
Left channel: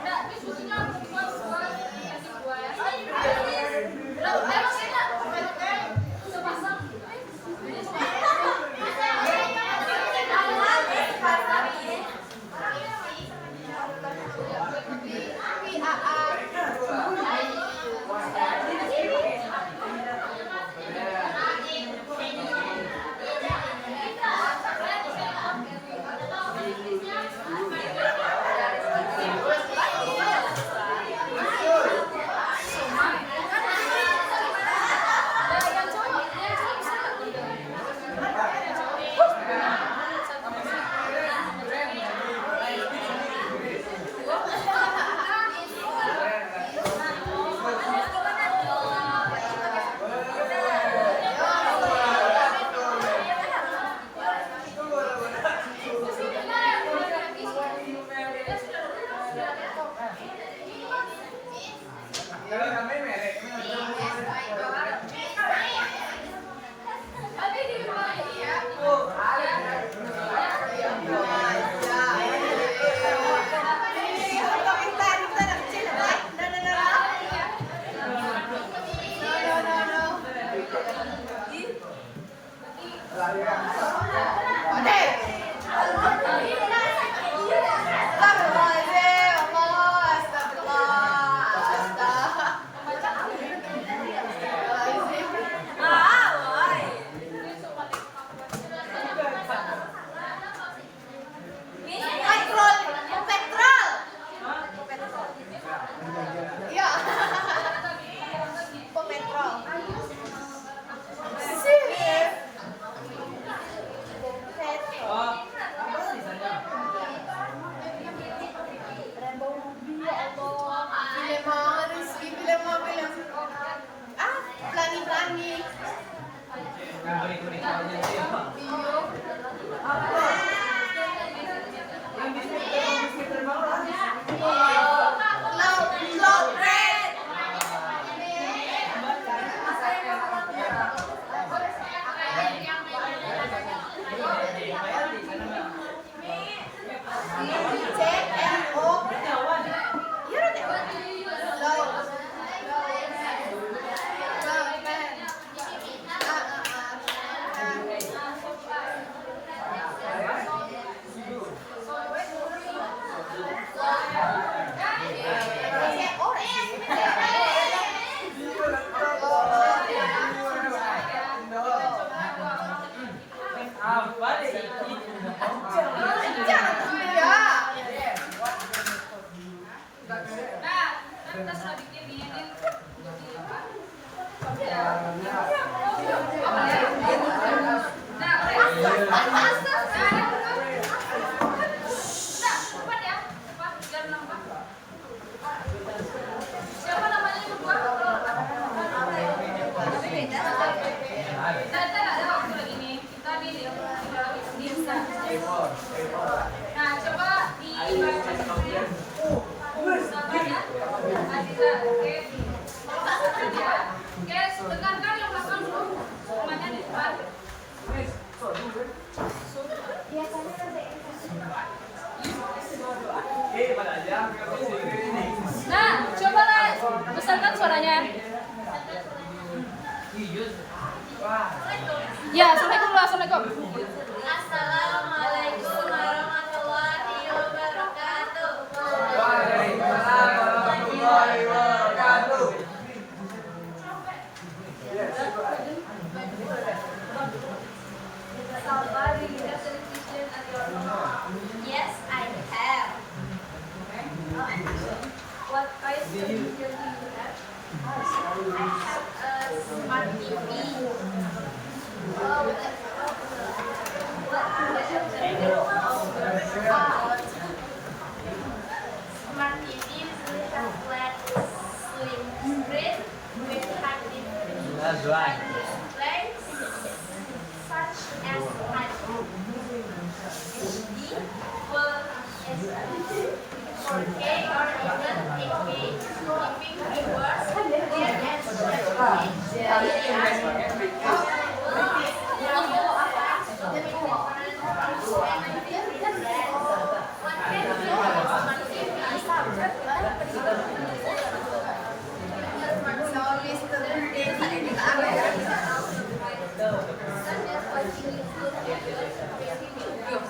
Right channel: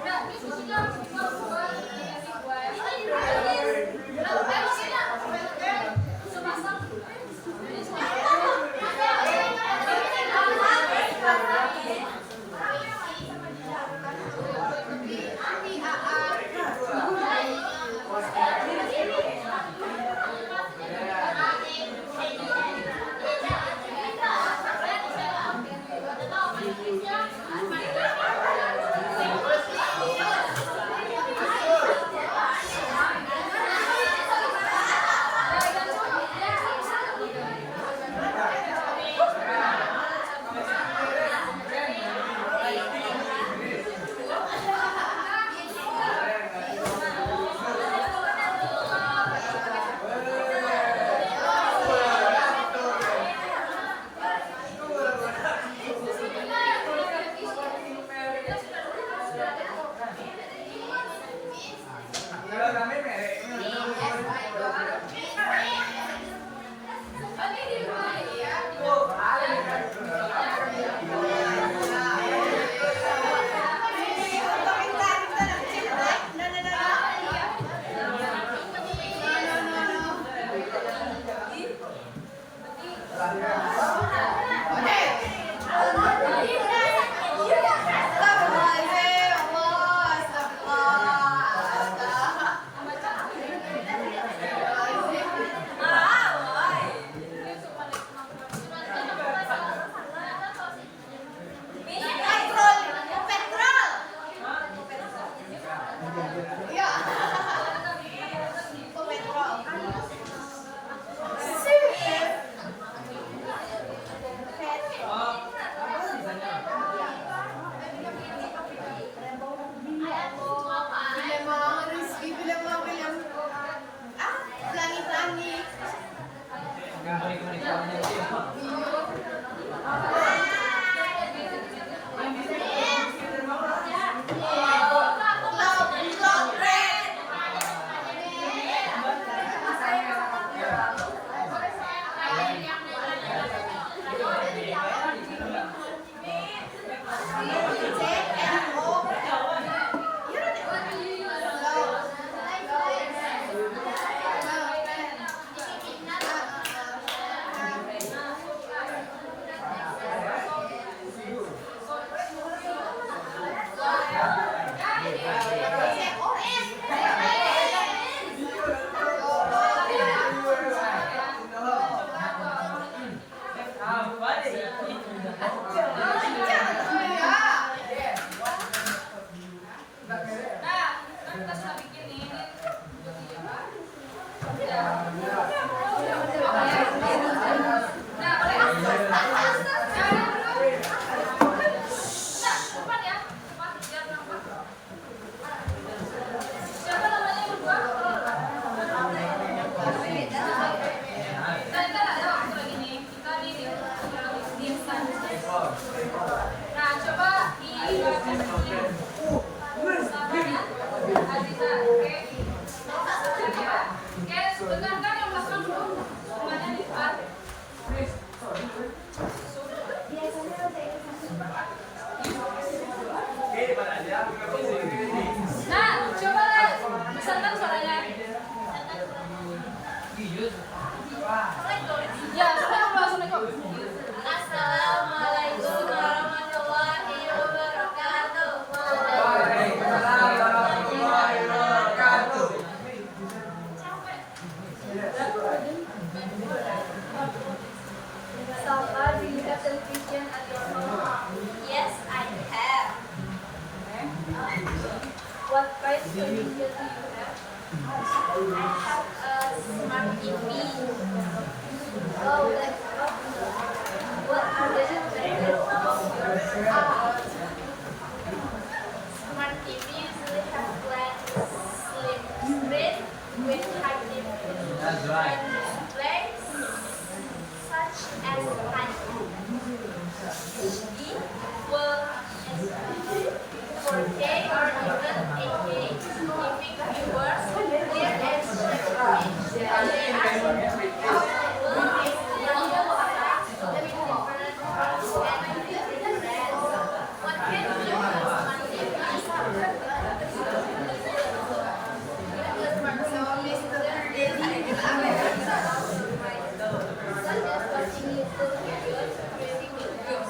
Nah, ini fotonya harus Nah, cobalah besarkan suaranya. Ya, assalamualaikum. Assalamualaikum warahmatullahi wabarakatuh. Salva, do you have television at your home? Yes, I have. What kind of television do you have? I have a smart TV. Oh, that's awesome. What are the features of your smart TV? Smart TV usually have flat, slim screen with high definition That's right. displays such as HD, Full HD, 4K, or even 8K, giving viewers clear and sharp image. They are available in various sizes, different brands, and different brands. What can you do with smart TV? Such as watching YouTube videos, viewing videos,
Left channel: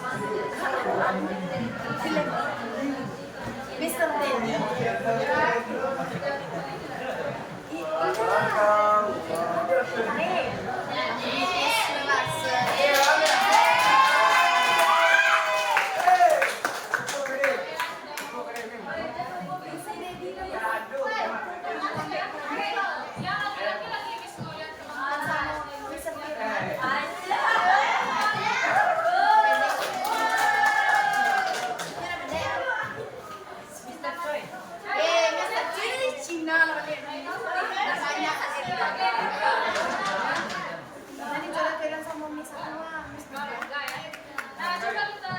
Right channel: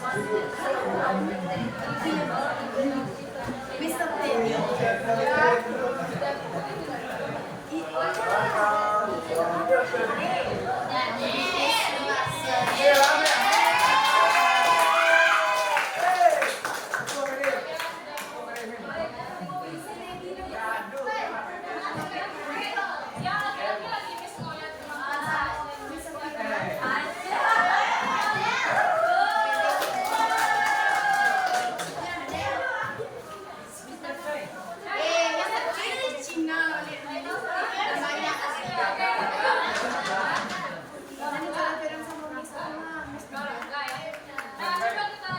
Mr. Ya, lagi Miss mau lihat teman-teman. Kalau enggak ya. Nah, coba kita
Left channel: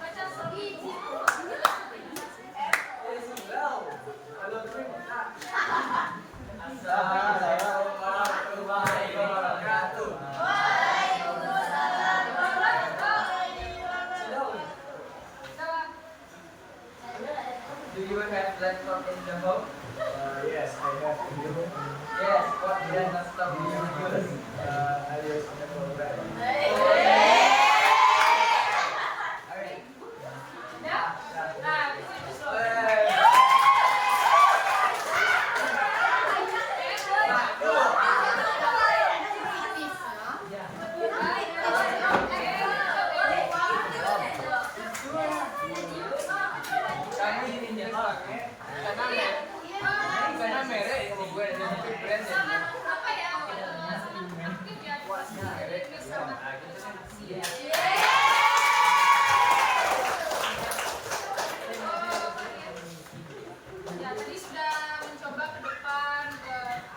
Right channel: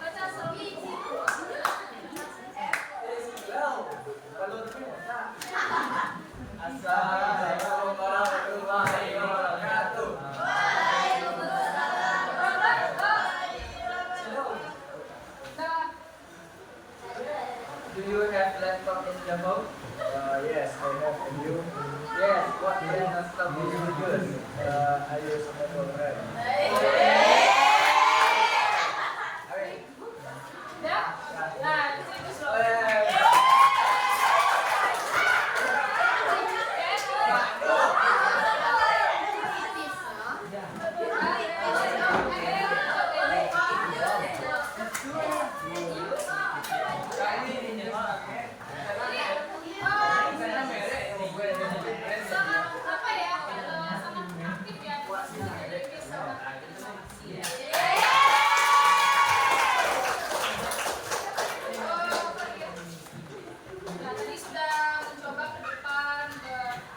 baca Sobi. Assalamualaikum warahmatullahi wabarakatuh. Do you have laptop in the home? Yes, I have. And you? Yes. What kind of stuff do you use? I use Apple Red. Ya. Nah, itu slow. Sangat apa ya? Sangat aktif ya di sini. Sangat Ya, tadi sudah mencoba ke depan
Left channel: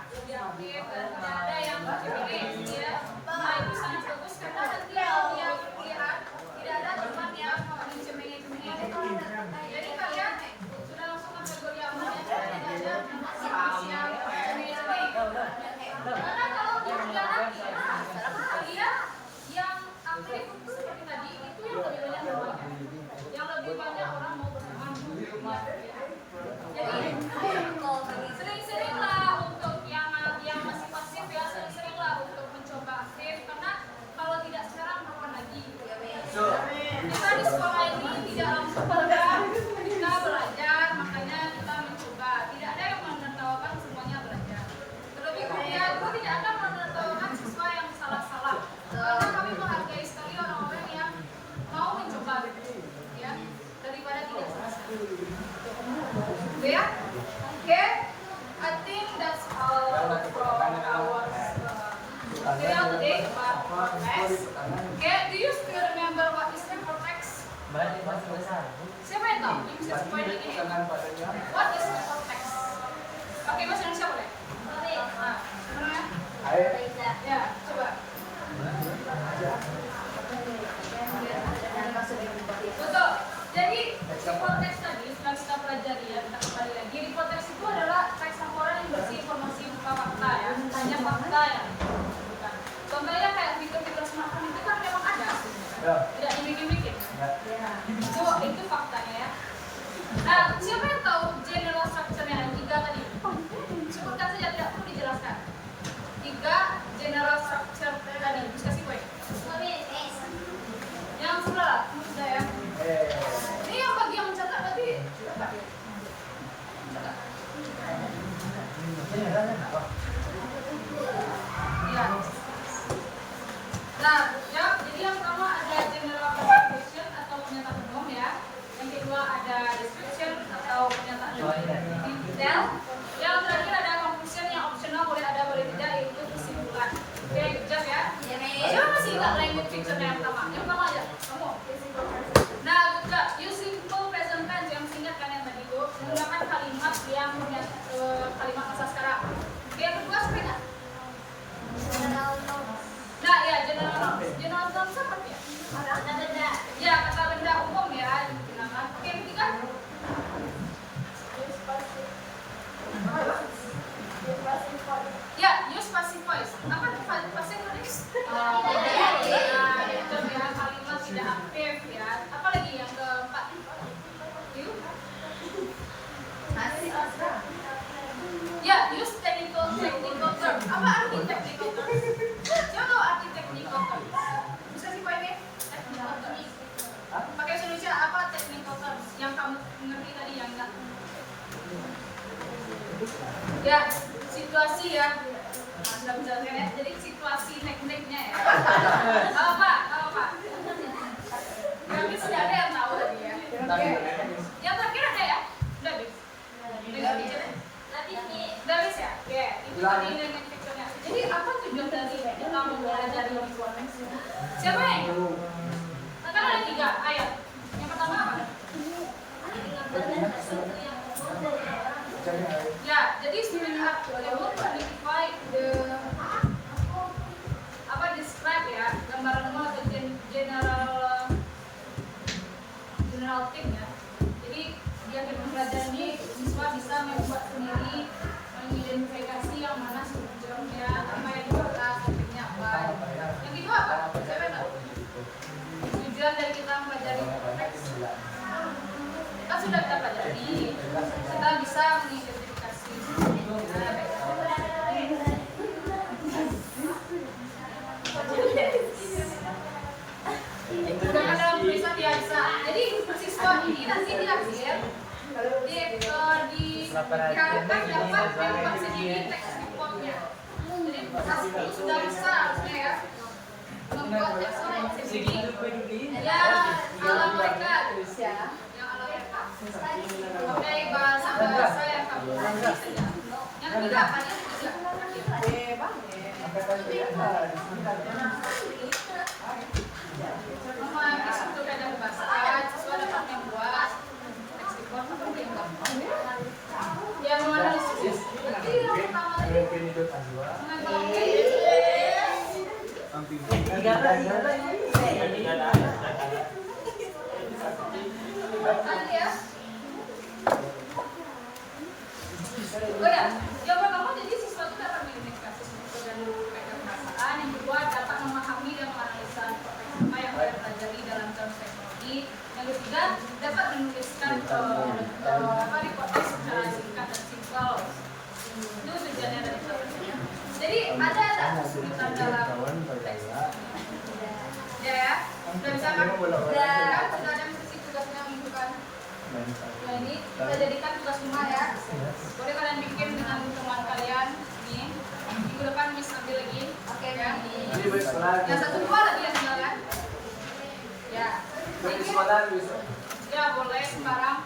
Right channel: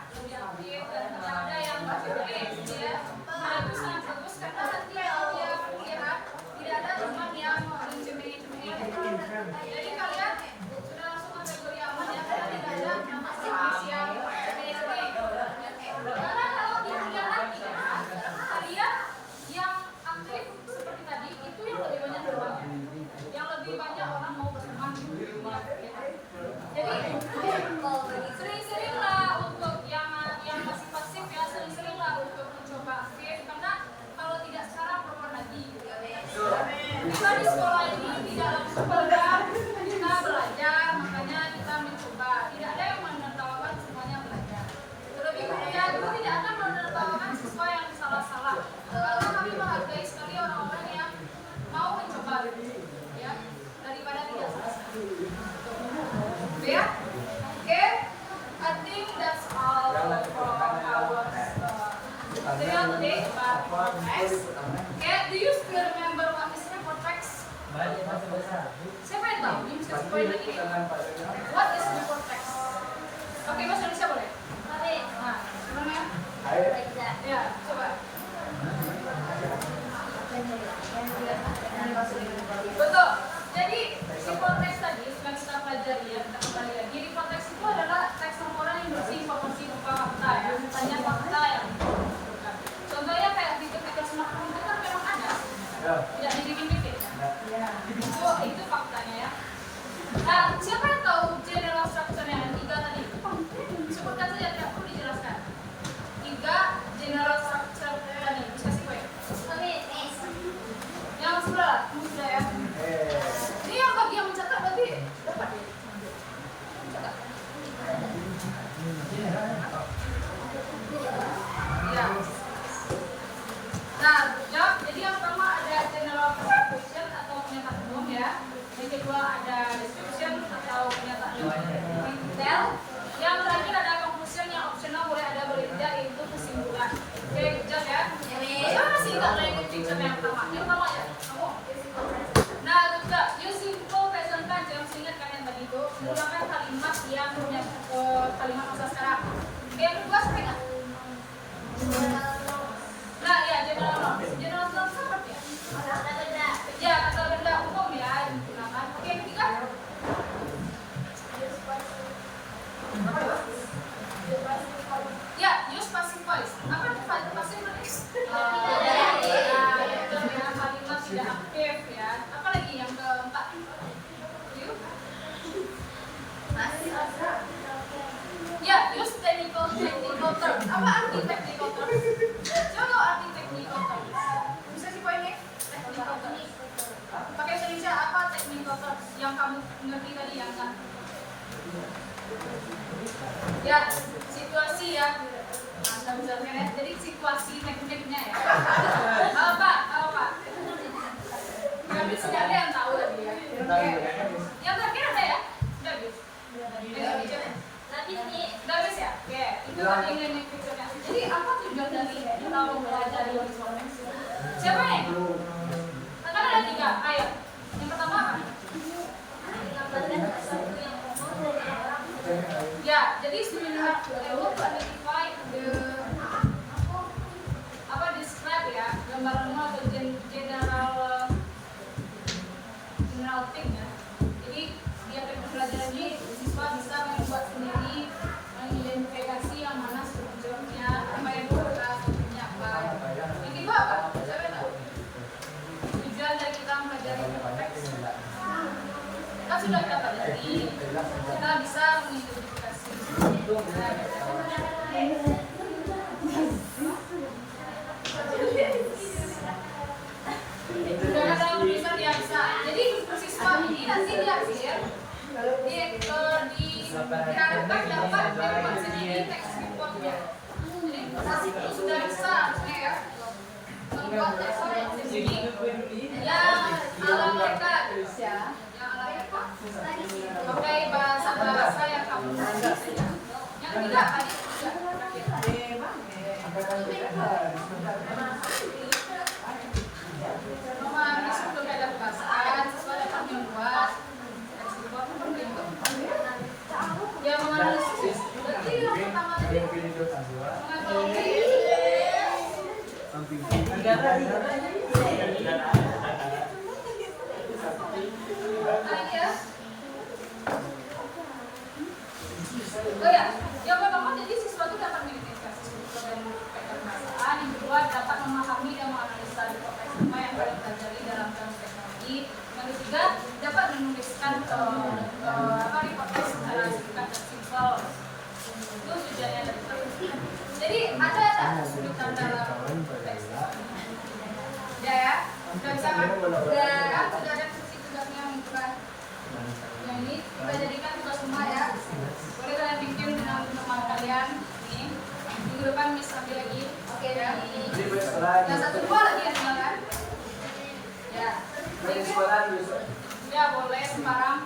lebih aktif dan ada yang terpilih ya. Nah, itu sangat bagus karena nanti kalau dia perkuliahan tidak ada teman yang mencemeh-cemeh. Jadi kalian sudah langsung kategori amannya karena tidak ada nama spesial cemeh-cemeh. Karena kalau di kuliah nanti ya, kalian yang aktif seperti tadi itu yang lebih banyak temannya. Yang lebih banyak orang mau berteman di dunia kita. Jadi sering-seringlah untuk yang masih pasif ya, sering-seringlah untuk mencoba aktif karena kalau tidak sekarang kapan lagi gitu ya. Kita di sekolah ini tidak langsung belajar, kita belajar, makanya kita mencoba. Tidak ada yang menertawakan semuanya belajar. Terlebih kuliah kita tidak akan menertawakan siswa yang salah-salah. Karena kami menghargai sekali orang-orang yang mau mencoba gitu ya, daripada tidak sama-sama. Ya, oke. I think that's all for our video today about Reportex. Okay, do you still remember what is Reportex? Balik masa besar. Siapa yang tahu? Ini bisa poin lagi nih. What is Reportex? Oke, Mas Indonesia boleh? Nah, sebenarnya? Ya, coba. Betul. Jadi Reportex tadi sudah kita pelajari ya, kita kembali lagi. Reportex itu adalah teks laporan yang berisi informasi berupa fakta ya, hanya fakta ya. Contohnya kayak fitur-fitur smartphone itu kan memang ada, tidak dibikin-bikin. Nah, siapa yang tahu general structure-nya ada 3 tadi? Sebutkan saja, tidak perlu dijelaskan. 3 general structure tadi. Bisa kasih poin. Yang sebelah, kamu sudah ya. Ini yang bagi yang mencatat berarti dapat ya. Mencatat. Iya. Nah, jawab. Jadi yang pertama ada general classification atau pernyataan umum ya. Yang kedua ada description atau pernyataan lebih detail. Yang terakhir ada conclusion yang optional, boleh ada boleh tidak, yaitu kesimpulan. Oke, good job ya. Siapa masih ingat language picture yang pertama? Yang pertama aja. Kamu. Nah, good job. Use simple present tense yang masih ingat kan yang tadi itu menggunakan kalimat yang punya kalimat masa sekarang. Oke, yang kedua siapa ingat? Nah, ya general nouns. General nouns seperti ya? Ya, kata benda umum ya digunakan. Oke, yang ketiga? Ya, use passive voice. Apa itu passive voice? Kalimat tidak aktif ya. Apa lagi yang keempat? You? Ya, use technical term. Apa arti technical term? Siapa tahu arti technical term? Bisa sih poinnya? Technical term. Pakai bahasa Indonesia apa technical term? Yang kamu ngerti tadi yang kan? Ya, situasi ya. Nah, sudah bisa ya. Jadi situasi tekniknya ya. Apa? Kami sudah ada yang tahu tadi ya. Oke. Yang terakhir ada ya? Udah bis. Udah bis ya? Oke. Itu tadi nenek picture-nya. Jadi apa tujuan dari kita mempelajari visual text? Siapa nih? Kan ada 3. Ayo. Yang pertama apa? Ya, jadi sebenarnya untuk identify the describe ya, gambaran atau general thing ya. Jadi dia pembelajaran ini siswa bisa membuat sendiri, mengidentifikasi yang mana sebetulnya apa yang dimaksud topiknya apa. Yang kedua apa? Saya tahu. Tujuan dari kita mempelajari teks. Kita sudah kita pelajari, kita bisa mengidentifikasi. Sudah ada tulisan di Aksa. Jadi siswa ini nanti di akhir diharapkan dapat membuat sendiri teks reportnya. Jadi itu sudah bisa harusnya ya membuat teks report sendiri. Ya ala mereka ya. Oke, bahasa yang kamu ngerti. Yang ketiga apa nih? Memahami struktur kaidah kebahasaan, siswa dapat membuat teks report seperti yang kamu. Ya, menganalisis. Berarti yang pertama tadi oh ya, yang pertama jadi siswa itu dapat mengidentifikasi struktur dan kaidah kebahasaan. Yang kedua dapat memahami dan menganalisa teks apa yang kita pelajari dalam term teknologi. Yang ketiga dapat menuliskan report teks secara singkat dan simpel. Itu tujuannya dari pelajari. Jadi ada kesulitan dalam teks ya, sudah bisa kan? Sudah ada tugasnya minggu kan? Nah ini kita jadikan tugas rumah ya. Boleh kalian bikin dengan teman kalian ini. Minggu depan Miss ambil lagi. Oke ya. Yang 1, 2 lagi ya tinggal ya. Ya. Ya boleh sembarang.